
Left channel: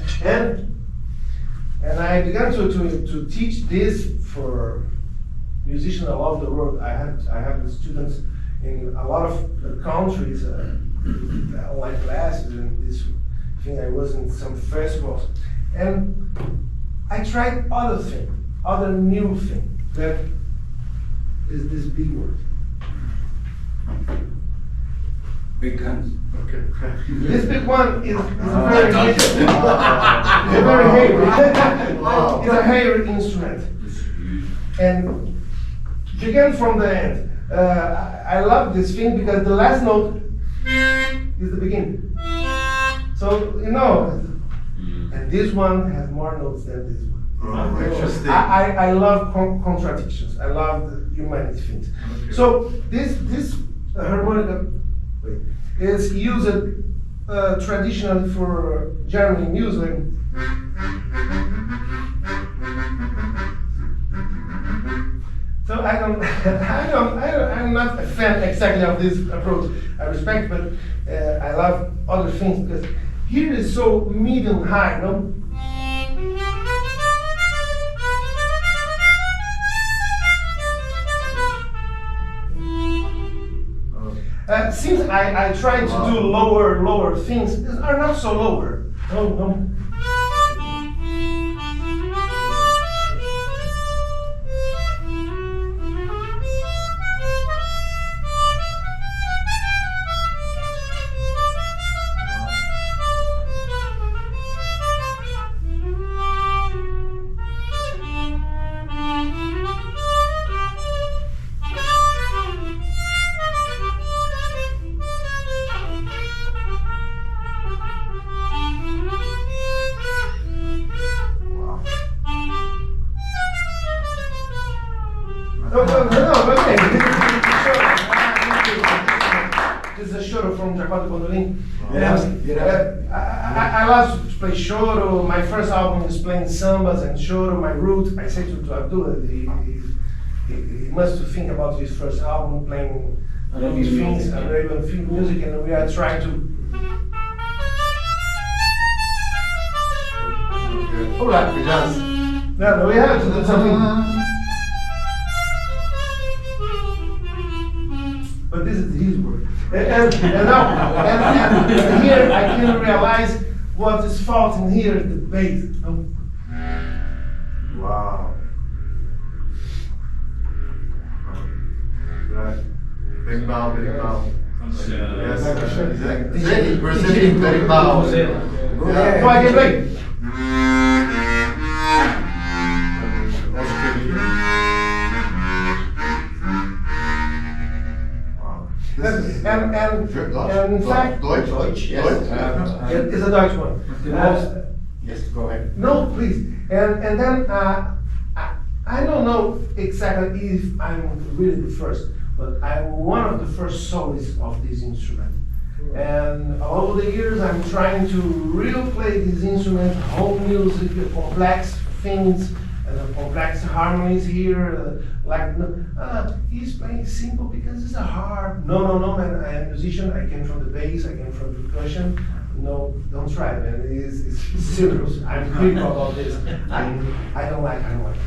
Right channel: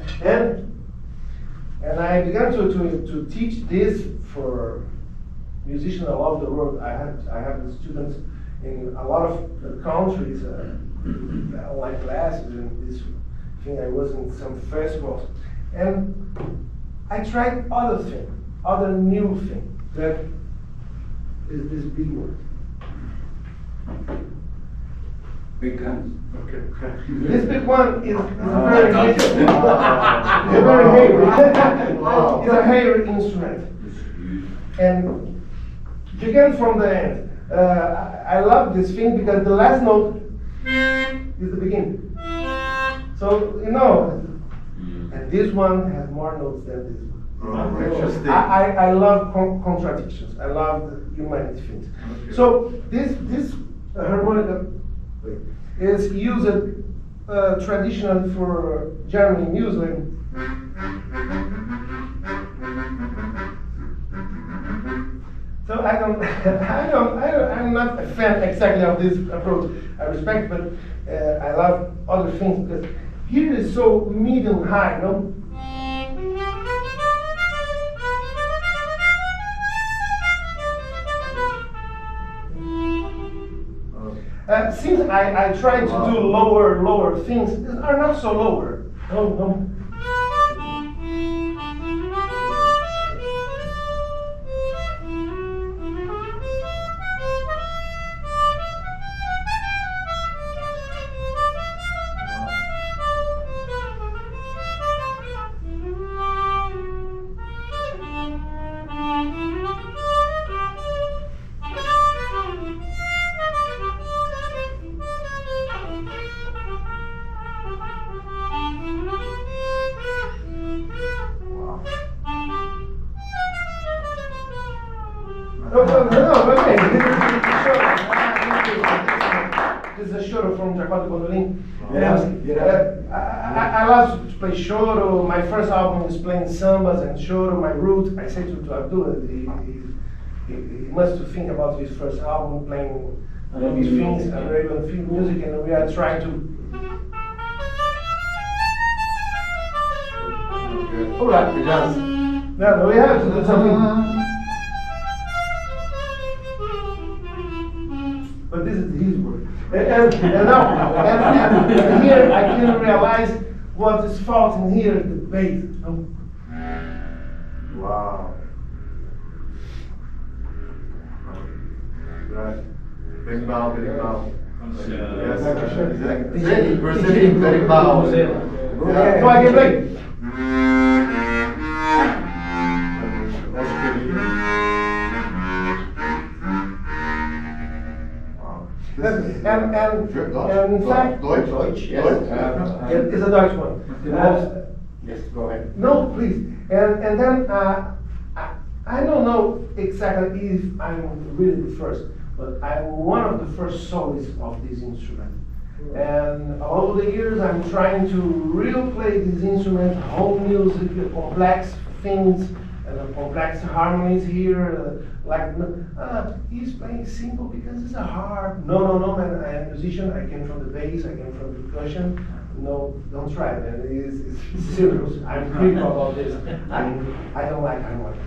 and I began to teach this for musicians all over the world. I have students in a lot of countries, online classes, and this thing. I was in some festivals, and I tried other new thing. That is this big word. Big guns. Okay. This big one is a very heavy. Wow. It's a heavy instrument. And begin from the end. I love this thing because the last note is the beginning. So you know, and this one has more notes than this one. Interesting. I love contradictions. I love the humanity things. Okay. So this a harmonica is used traditionally for German music. So I'm not a fan exactly of this approach. I respect, but I love other things because here is so medium high, no? Since I try to do lower things, are not so lower. No. No, okay. This is a choro from Jacob Gondolin. I love to play choro. My first album is playing sambas and choro, my root. I say to Abdullah, he must think about his first album, playing these things, Arabian field music, and we are trying to. Alright, we just. No, we have to do something. But this is his work. And here I can realize what is fault in here, the bass. Oh. Wow. Right. Big bow, big bow. Yes, exactly. Brazilian big bow. So I can play. And in fact, Deutsch, yes. it's a Dutch one. Yes, go ahead. No, please. And then I don't know exactly if I'm really the first, but I'm one of the first soloists of this instrument. And over the years, I'm trying to really play this instrument, whole music, complex things, and complex harmonies here. He's playing simple because it's a harp. No, man, I am a musician. I came from the bass. I came from percussion. No, don't try, man. It's serious. I'm critical about this. I don't like harmonica.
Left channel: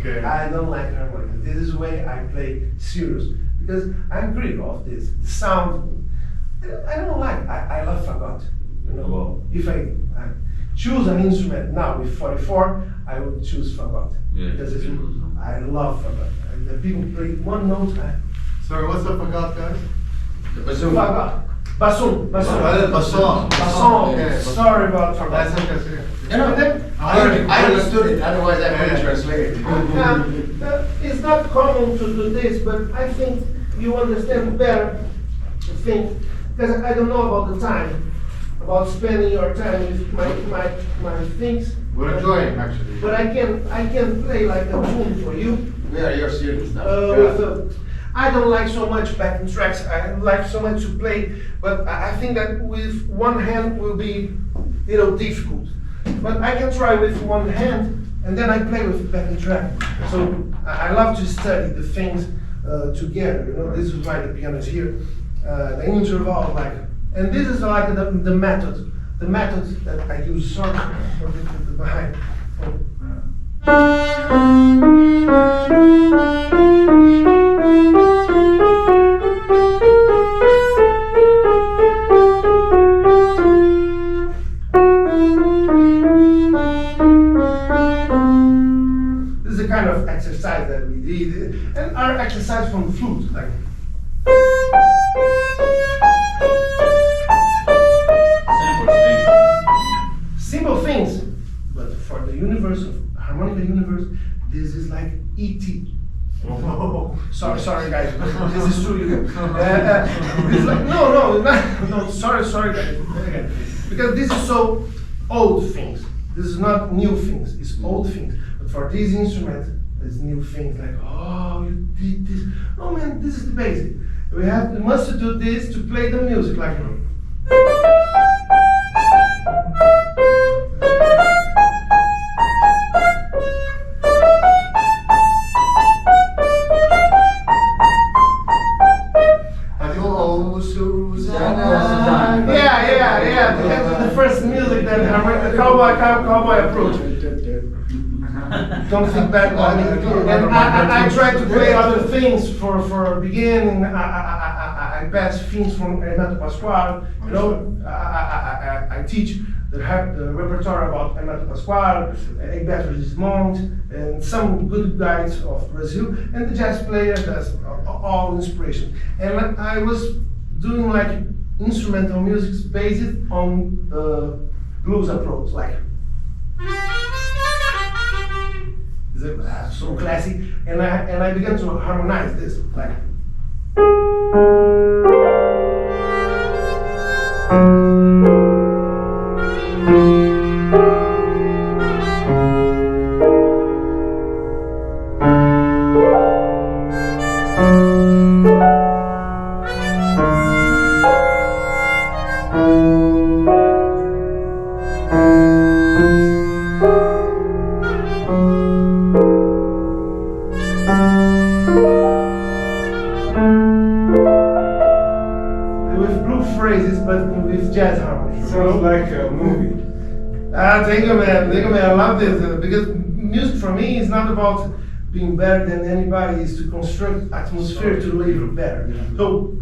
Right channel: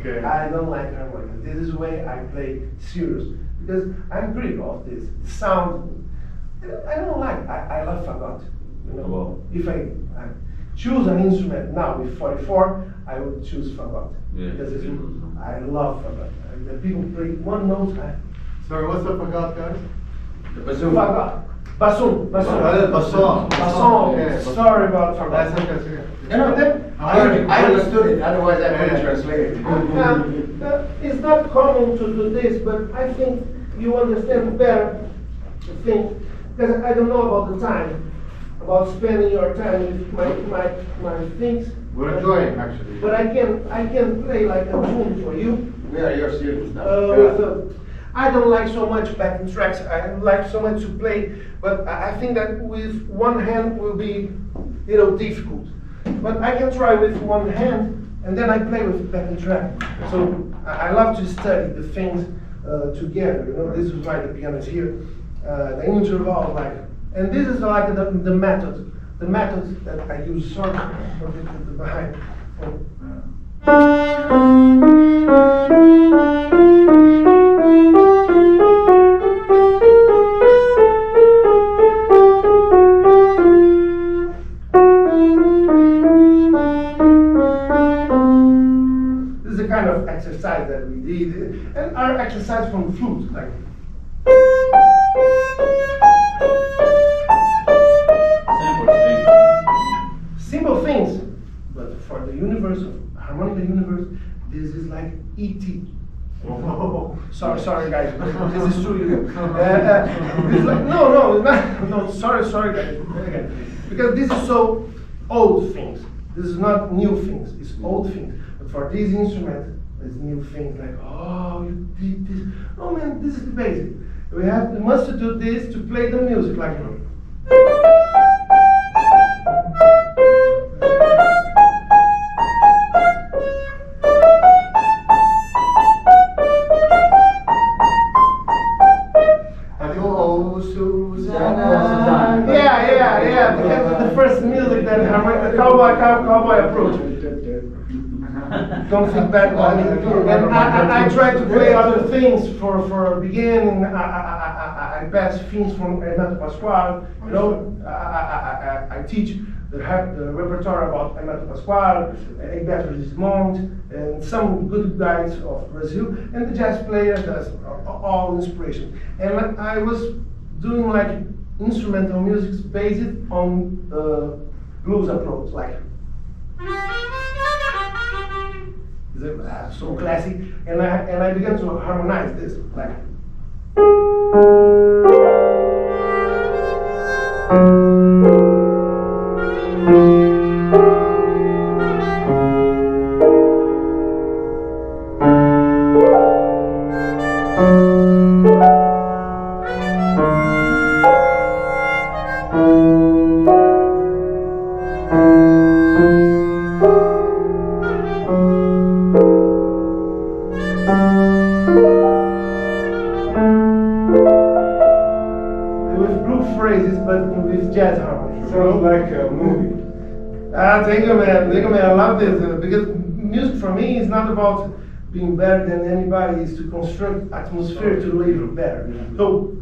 Okay. I don't like harmonica. This is the way I play serious because I'm critical of this. The sound, I don't like. I love fagot. You know, Wow. if I choose an instrument now with 44, I would choose fagot. Yeah, Because it's beautiful. I love fagot. The people play one note. Sorry, what's the fagot, guys? The bassoon. Fagot. Bassoon. Basson. Basson. Okay. Sorry about fagot. That's okay. And then, I understood it, otherwise I couldn't translate it. it's not common to do this, but I think you understand better the thing, because I don't know about the time, about spending your time with my things. We're enjoying, actually. But I can play like a tune for you. We are your students now. I don't like so much backing tracks. I like so much to play, but I think that with one hand will be, difficult. But I can try with one hand, and then I play with backing track. So I love to study the things together. This is why the piano is here. The interval, and this is like the method that I use. Sorry for the behind. This is a kind of exercise that we did, and our exercise from flute, like. Simple things, but for the universe of harmonica universe, this is like E.T. Oh, sorry guys, this is true. It's like, no, sorry guys, because this is so old things. This is not new things. It's old things. But for this instrument, it's new things. Like, oh, you did this. Oh man, this is the basic. We must do this to play the music like. Oh, Susanna. Yeah. That's the first music that the cowboy approach. Don't think bad about me. And I try to play other things for beginning. I pass things from Hermeto Pascual. You know, I teach the repertoire about Hermeto Pascual, Egberto Gismonte, and some good guys of Brazil. And the jazz player does all inspiration. And I was doing like instrumental music based on blues approach, like. So classic, and I began to harmonize this, like. With blue phrases, but with jazz harmony. Sounds like a movie. Thank you, man. I love this because music for me is not about being better than anybody. It's to construct atmosphere to live better. So.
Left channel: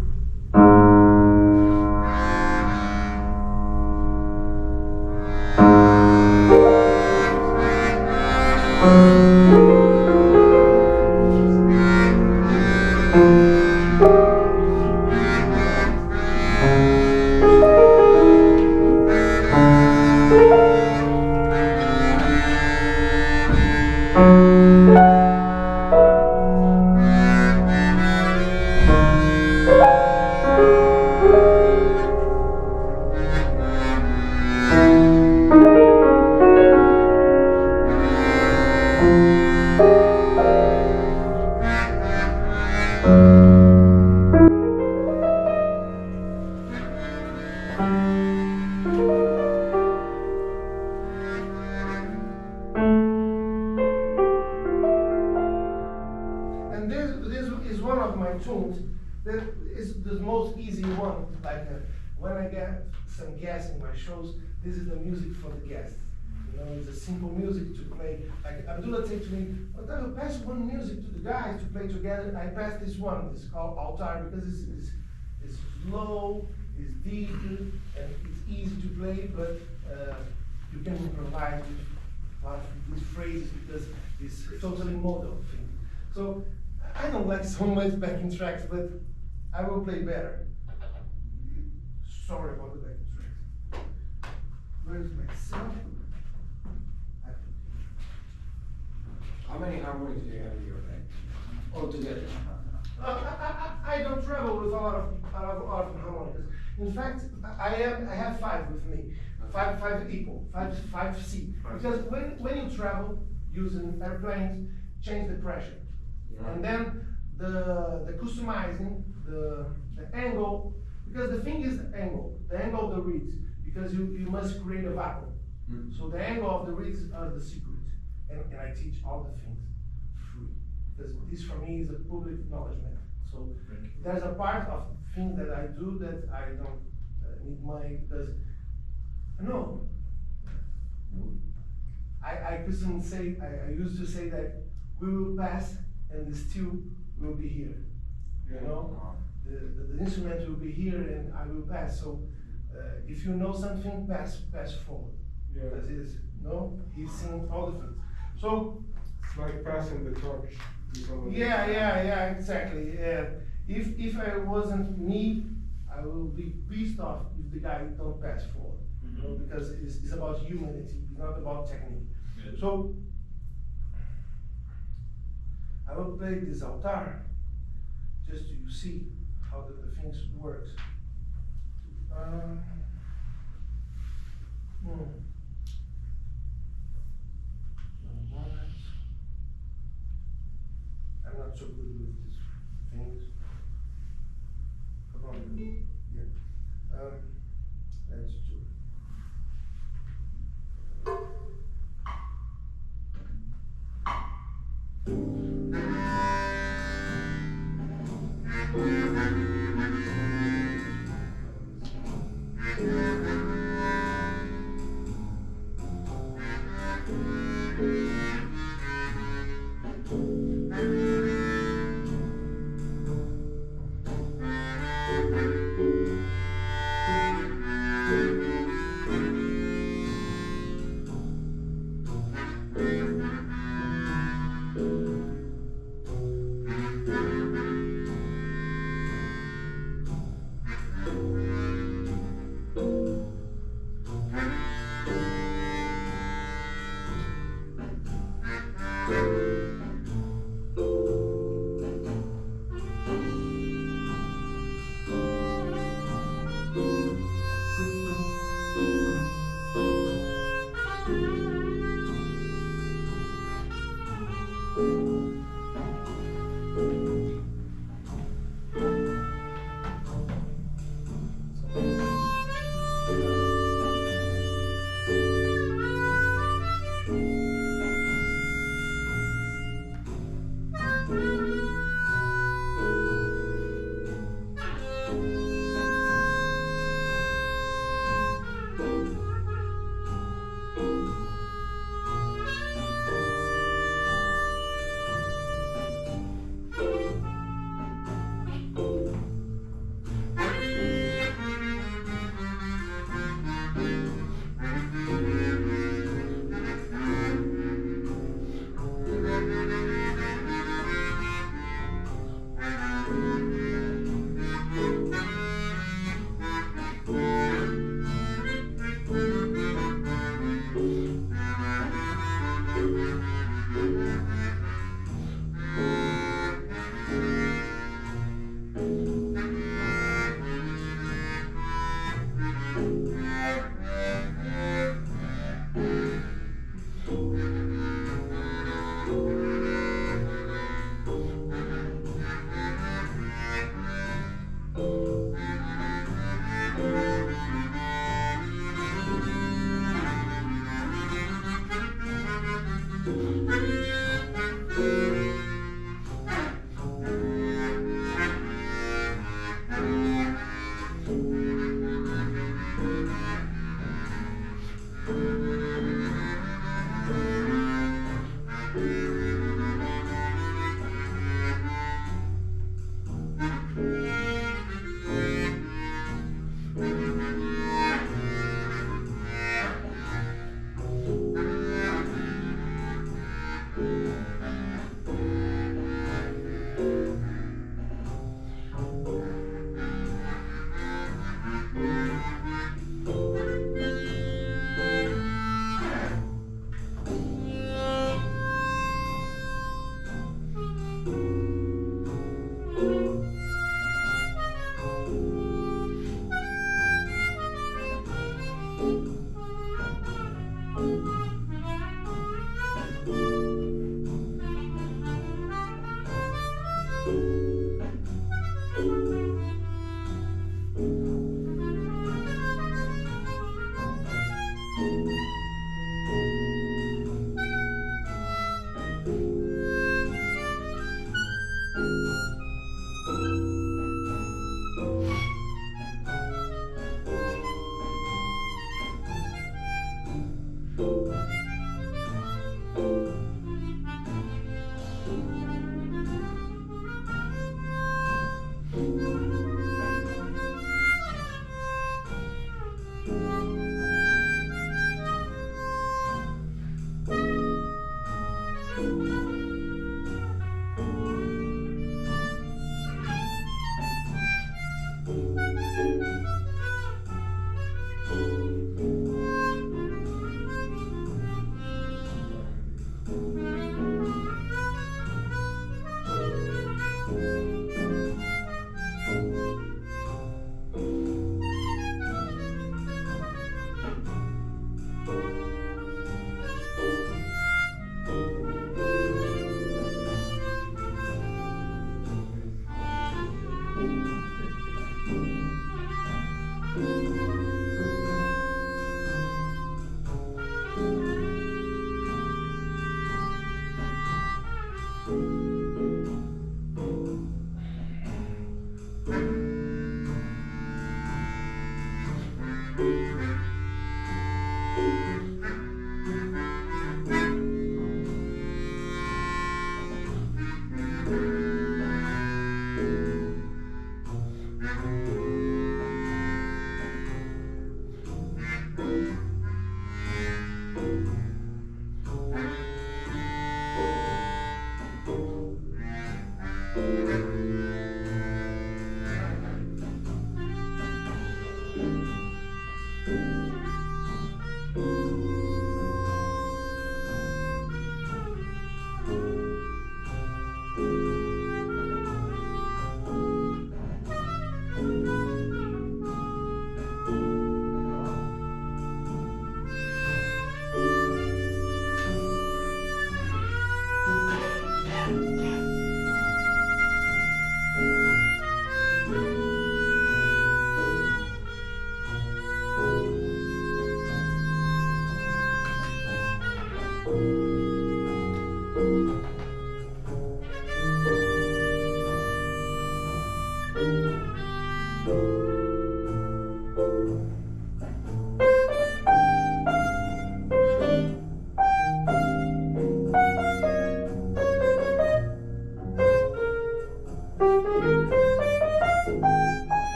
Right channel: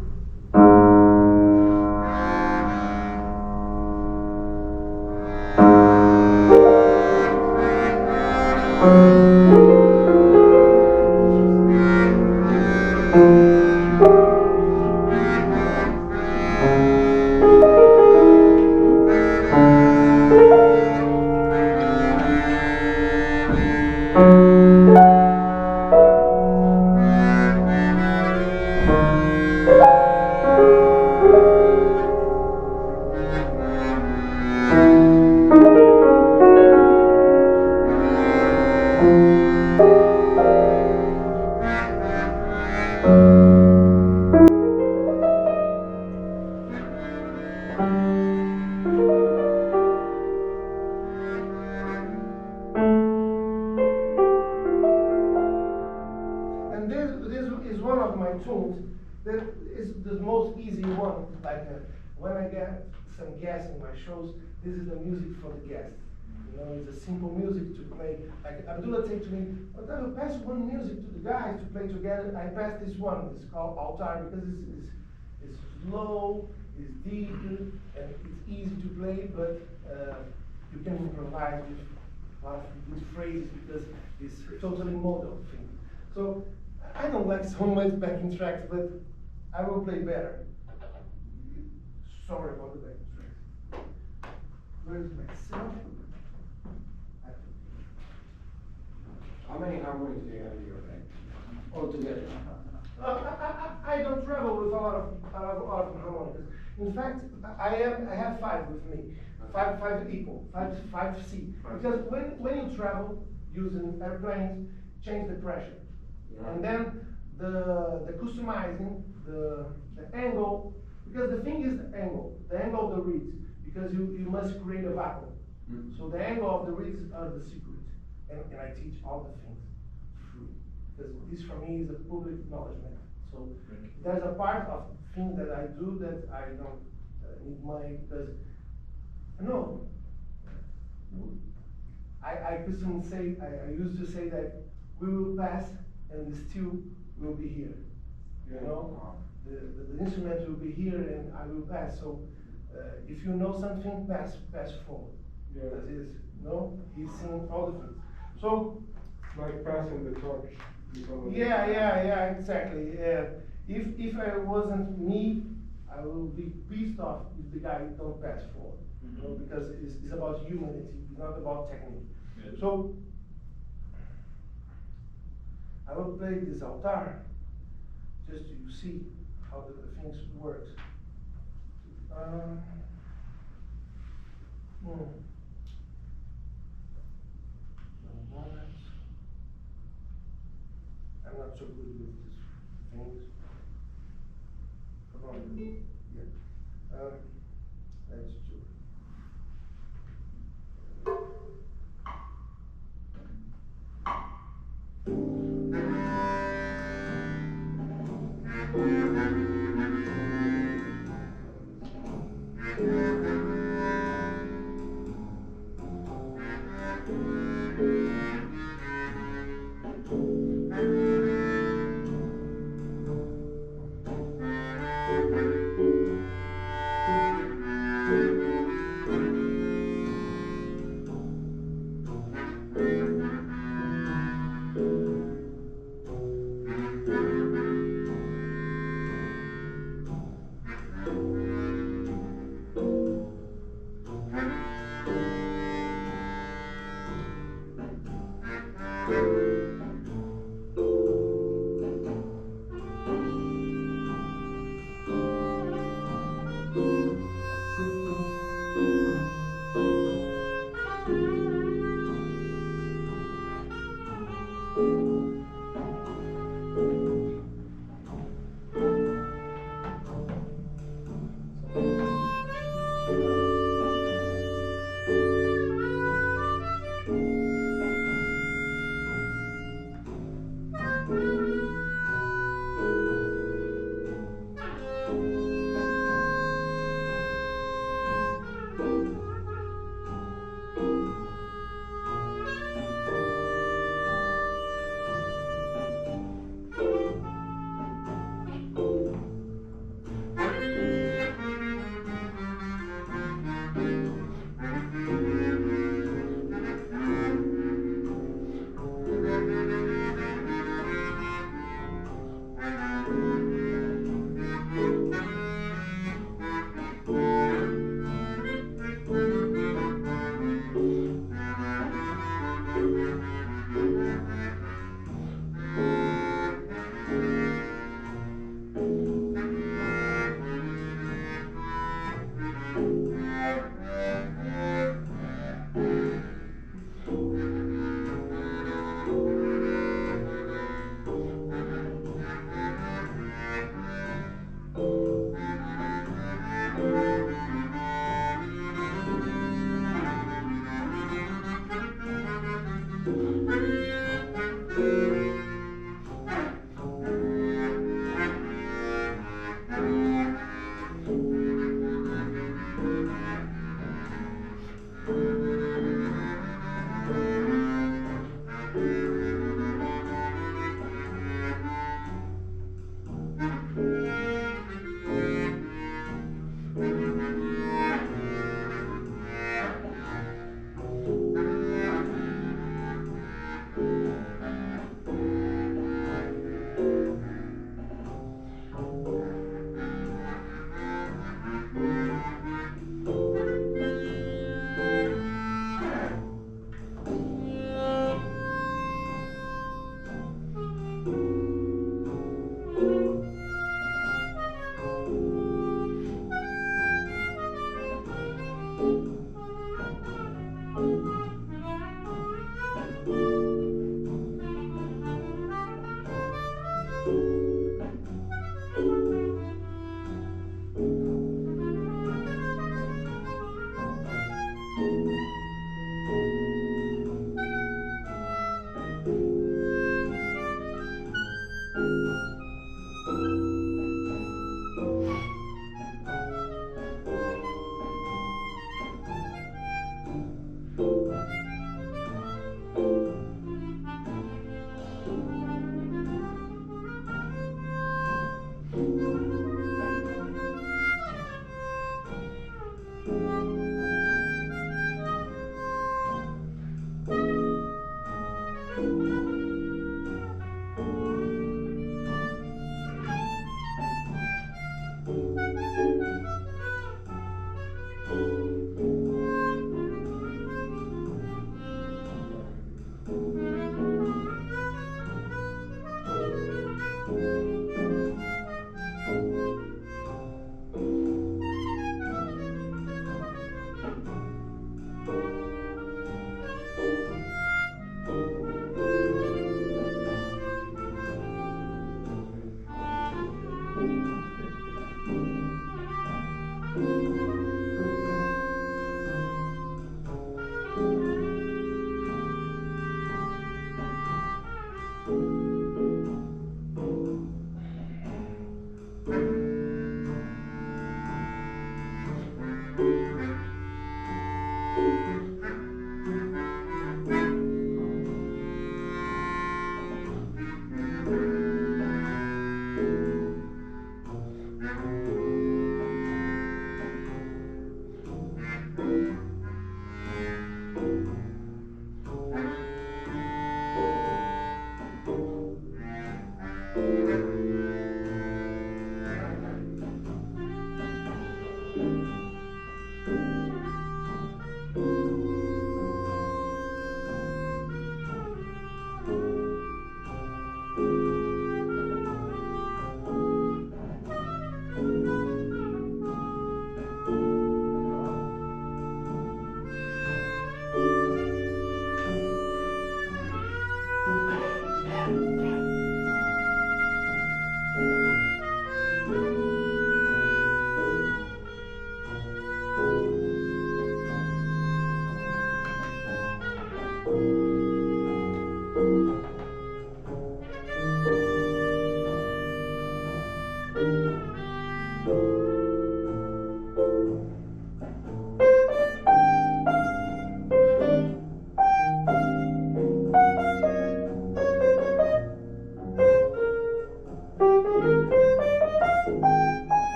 And this is one of my tunes that is the most easy one. Like when I get some guests in my shows, this is the music for the guests. You know, it's a simple music to play. Like Abdullah said to me, "Well, pass one music to the guys to play together." I pass this one. It's called Altar because it's slow, it's deep, and it's easy to play. But you can improvise with a lot of good phrases because it's totally modal thing. So I don't like so much backing tracks, but I will play better. Sorry about the backing tracks. Where's myself? How many harmonies do you have in your bag altogether? I don't travel with a lot of harmonicas. In fact, I have 5 with me. Five equal, five C. Because when you travel using airplanes, change the pressure. And then the customizing, the angle, because the thing is the angle of the reeds, because you must create a vacuum. So the angle of the reeds are the secret. And I teach all the things free. Because this for me is a public acknowledgement. So there's a part of things that I do that I don't need money because, no. I couldn't say, I used to say that we will pass and the steel will be here. You know? The instrument will be here and I will pass. So if you know something, pass forward. Yeah. Because he's seen all the things. So It's like passing the torch. to someone. yeah, exactly. Yeah. If I wasn't me, I will be pissed off if the guy don't pass forward. You know, because it's about humanity, it's not about technique. Yeah. So I will play this altar just to see how the things works. I'm not so good with these things. Yeah. That's true.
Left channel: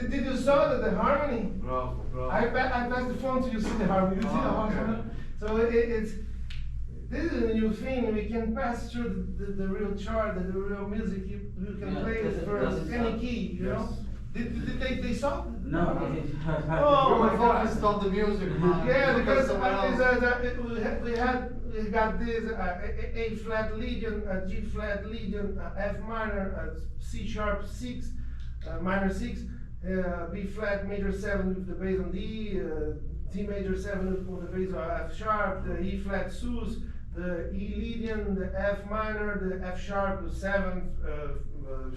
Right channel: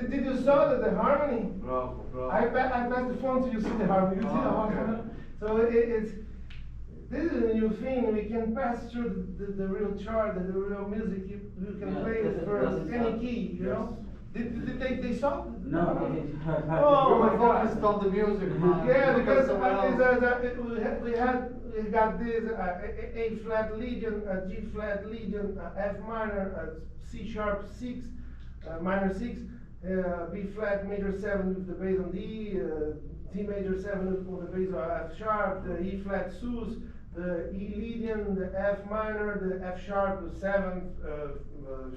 did you saw the harmony? Bravo, bravo. I passed the phone to you, see the harmony. You see the harmony? Okay. So this is a new thing. We can pass through the real chart, the real music. You can Yeah, play it for does it any sound- key. You Yes. know? Did they saw? No, I didn't. Oh We my were God. focused on the music, man. Yeah, Look at because someone else. we got this A flat Legion, a G flat Legion, a F minor, a C sharp 6, minor 6, B flat major 7 with the bass on D, D major 7 with the bass on F sharp, the E flat sus, the E Legion, the F minor, the F sharp 7,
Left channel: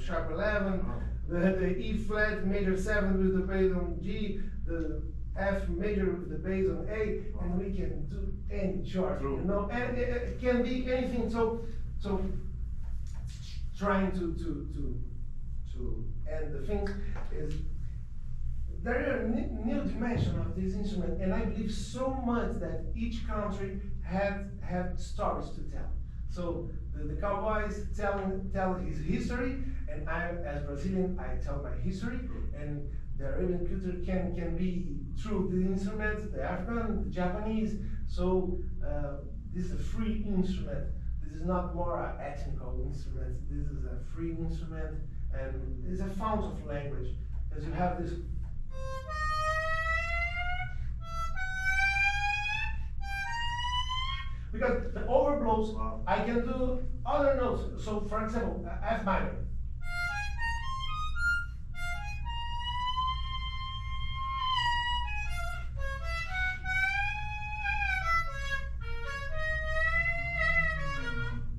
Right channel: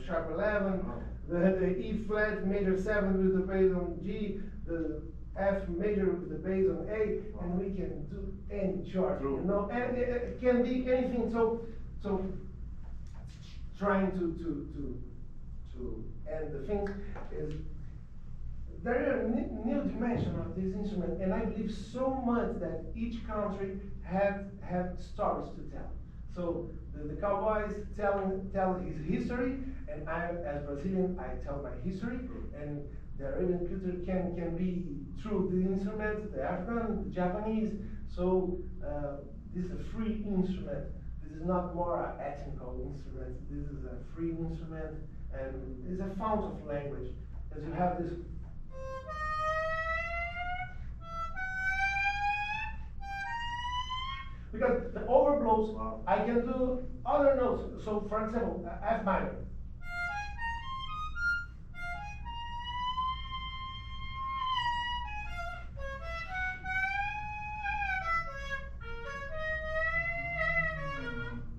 sharp 11, the E flat major 7 with the bass on G, the F major with the bass on A, and we can do any chart, you know, and it can be anything. So trying to end the thing is there are new dimension of this instrument, and I believe so much that each country had stories to tell. So the cowboys tell his history, and I, as Brazilian, I tell my history, and the Arabian culture can be through the instruments, the African, the Japanese. So this is a free instrument. This is not more an ethnical instrument. This is a free instrument, and it's a fount of language, because you have this. Because the overblows, I can do other notes. So, for example, F minor.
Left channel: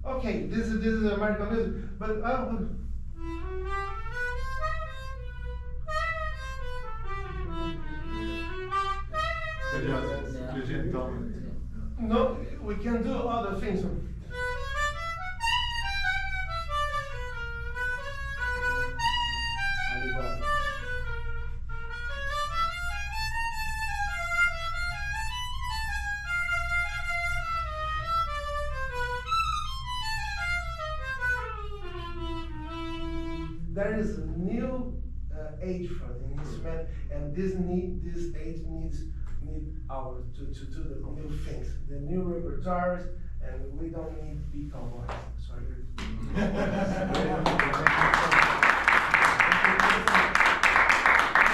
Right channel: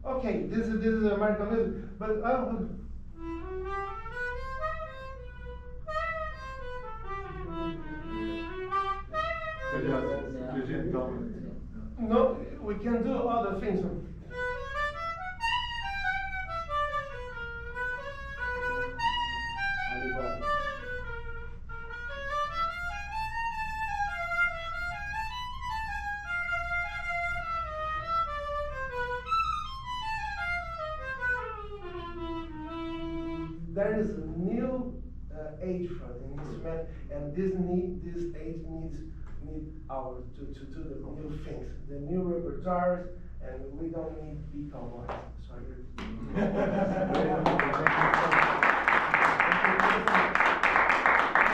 Okay, this is American music, but Yes, legit dominant. no, we can do other things. There is a new age for the instrument, and this age need our to do the new things, the new repertoires, and we don't need to be cowboys. Sorry. If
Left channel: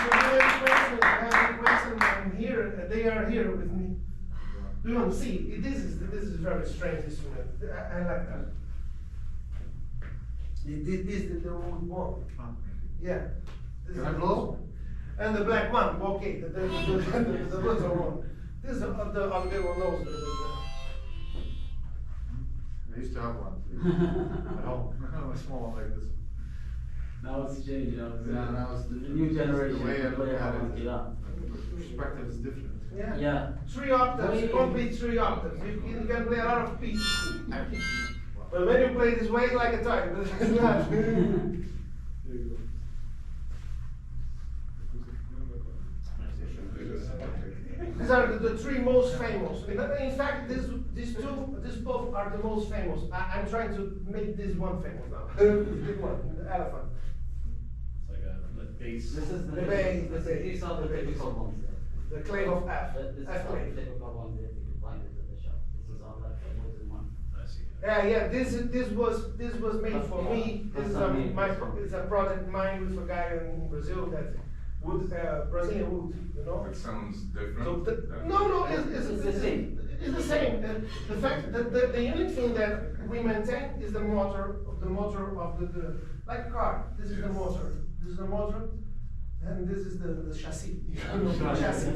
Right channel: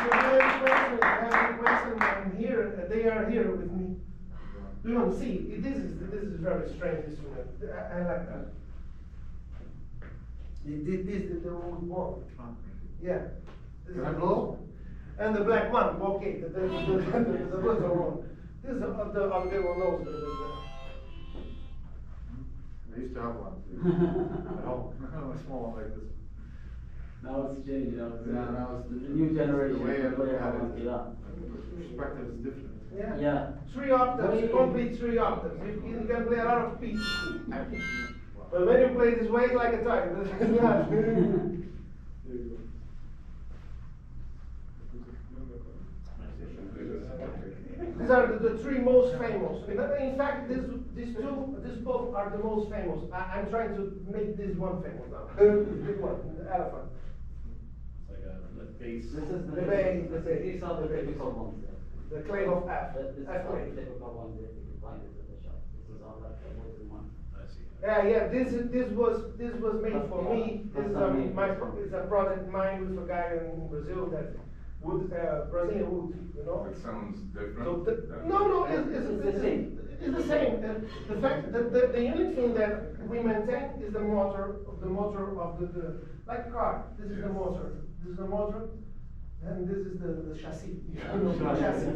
you have any question, I'm here. They are here with me. You don't see. This is very strange instrument. I like that. This is the old one. Yeah. Can I blow? And the black one, okay, the little one. This is the other one knows. I used to have one too. At home. A small one like this. Now it's changing. Yeah, now it's the new generation. The way I look at it, Yeah. perspective is different. Yeah. Yeah. 3 octaves, Wait. complete 3 octaves. You can play a lot of pieces. But when you play this way, it's like a toy. But it's not. There you go. These are the 3 most famous. In fact, these both are the most famous. I'm trying to make this one famous now. This big one, the elephant. It's like a bass. This is The bass, the bass. These are the typical ones. The clave of F. This is F all the clave. typical ones that you can find at the shop. This is all like the wooden one. I see. Yeah. This was made for me. This is it's a project mine with a guy in Brazil that wood, Brazilian wood. You know. It sounds different. So than- no, it's the same. It's the same. The fact that the only thing that we maintain is the motor of the like a car. This is the Yes. motor. This is the motor, and this is the chassis. You know, the Chassis.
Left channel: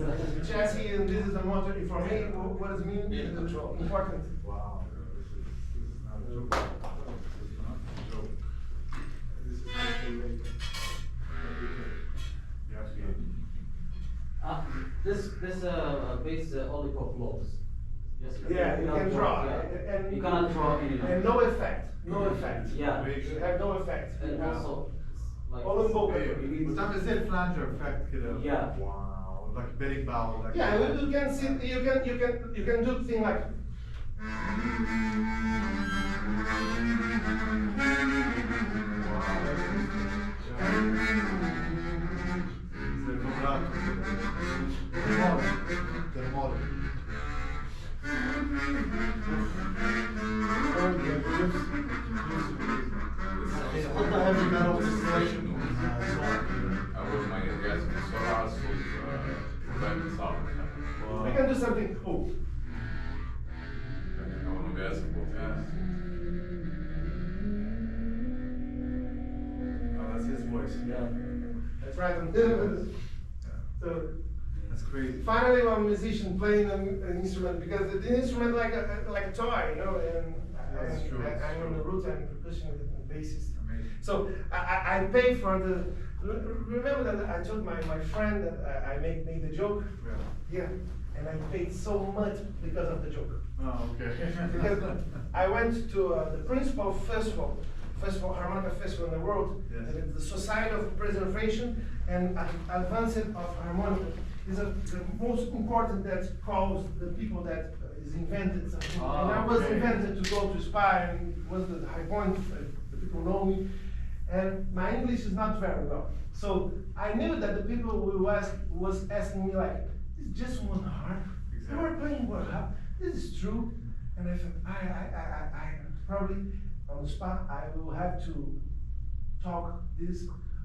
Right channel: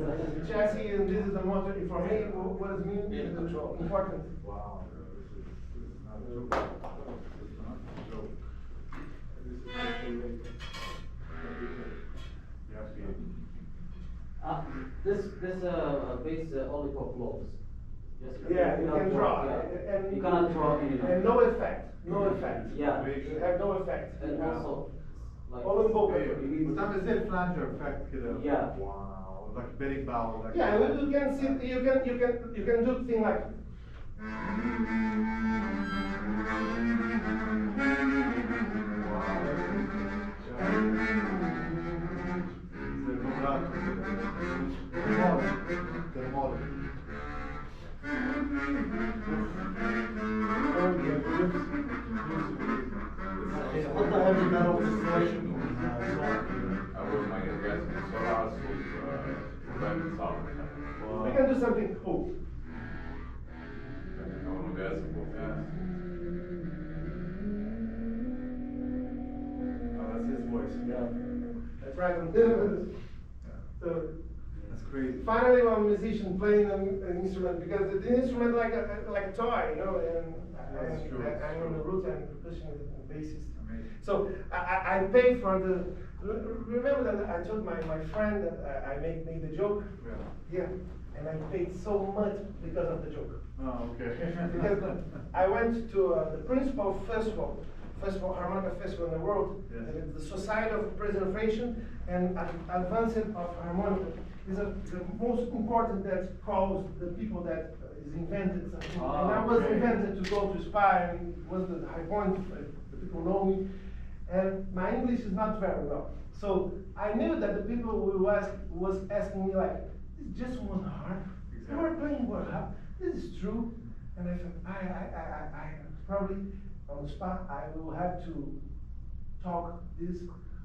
chassis, and this is the motor. And for me, what does it mean? Yeah, control. Important. Wow. This is not a joke. This is not a joke. This is actually you have to be. This base only for blows. Just Yeah, you cannot can draw, yeah. and You cannot draw any and notes. no effect. No effect. Yeah. You have no effect. And also, like. All in both. بتعمل زي الفلانجر effect كده. Yeah. Wow. Like bending bow. Like Yeah, you can see. You can do thing like. What the heavy metal installation? I was my guess so hard to solve. We can do something cool. I want to guess Oh, that's his voice. Yeah. That's right. So That's crazy. finally, I'm a musician playing an instrument because the instrument like a toy, you know. And That's true, that's I'm on the true. root and percussionist and bassist. Amazing. So I pay for the. Remember that I told my friend that I made the joke. Yeah. Yeah, and I paid so much because of the joke. Oh, okay. Because I went to the principal festival, harmonica festival in the world, Yes. and it's the Society of Preservation and Advancement of Harmonica. Is the most important that calls the people that is invented something. Ah, And I was okay. invented to go to Spy, and it was the high point, the people know me. And my English is not very well. So I knew that the people was asking me like, it's just one harp. You are playing one harp. This is true. And I thought, I probably on the spot, I will have to talk this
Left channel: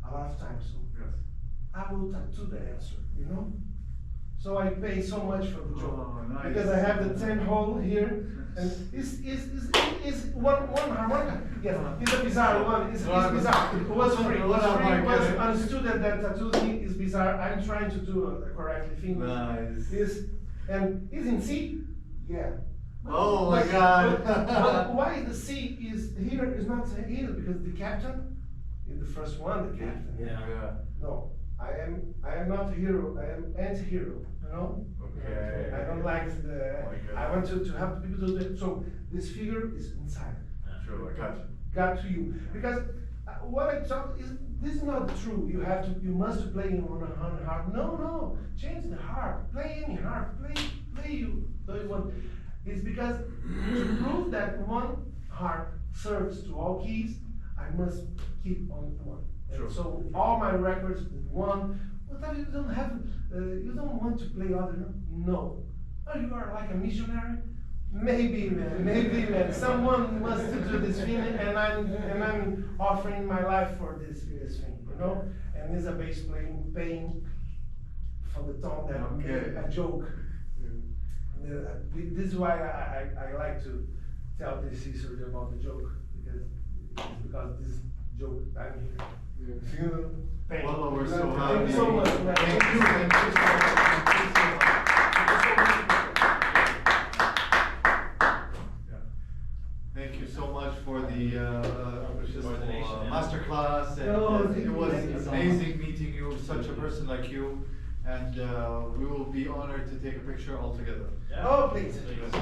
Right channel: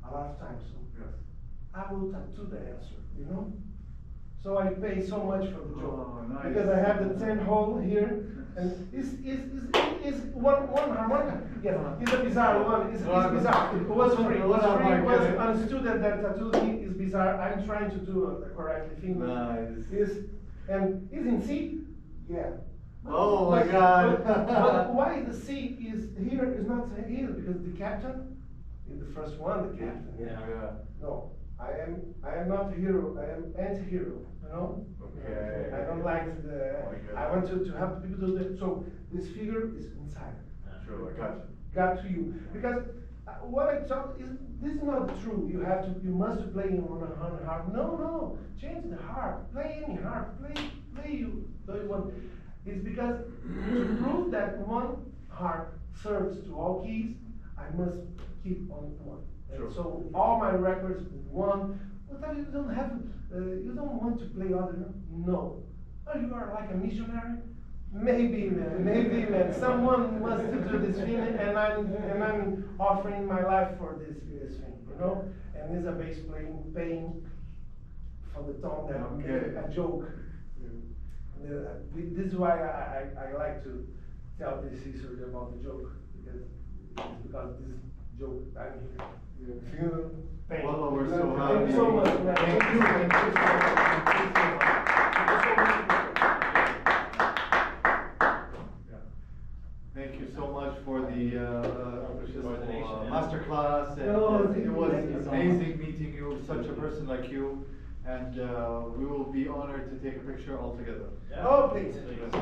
a lot of times. So Yes. I will tattoo the answer, you know? So I pay so much for the joke. Oh, nice. Because I have the 10 hole here. And it's one harmonica. Yes, it's a bizarre one. It's bizarre. It was free. It was free. It was understood that tattooing is bizarre. I'm trying to do it correctly. Fingers. Nice. And is in C? Yeah. Oh my God. But why the C is here is not here? Because the captain is the first one, the captain. Yeah. No, I am not a hero. I am anti-hero. You know. Okay. I don't like the. Oh my God. I want to help people do that. So this figure is inside. Sure, I got you. Got to you because what I talk is this is not true. You must play on a harp. No, change the harp. Play any harp. Play you. Do you want? It's because to prove that one harp serves to all keys, I must keep on one. And Sure. so all my records one. But you don't have. You don't want to play other. No. Oh, you are like a missionary. Maybe, man. Someone wants to do this thing, and I'm offering my life for this thing, you know. And it's a bass paying for the tone that Okay. a joke. This is why I like to tell this history about the joke because this joke I'm here. You know, thank you. Well, we're so Thank happy. you so much, man. Thank you. Thank you so much. Thank you so much. Thank you so much for the masterclass, and it was amazing meeting you, such a person like you, and we will be honored to take a picture all together. Oh, please. Please.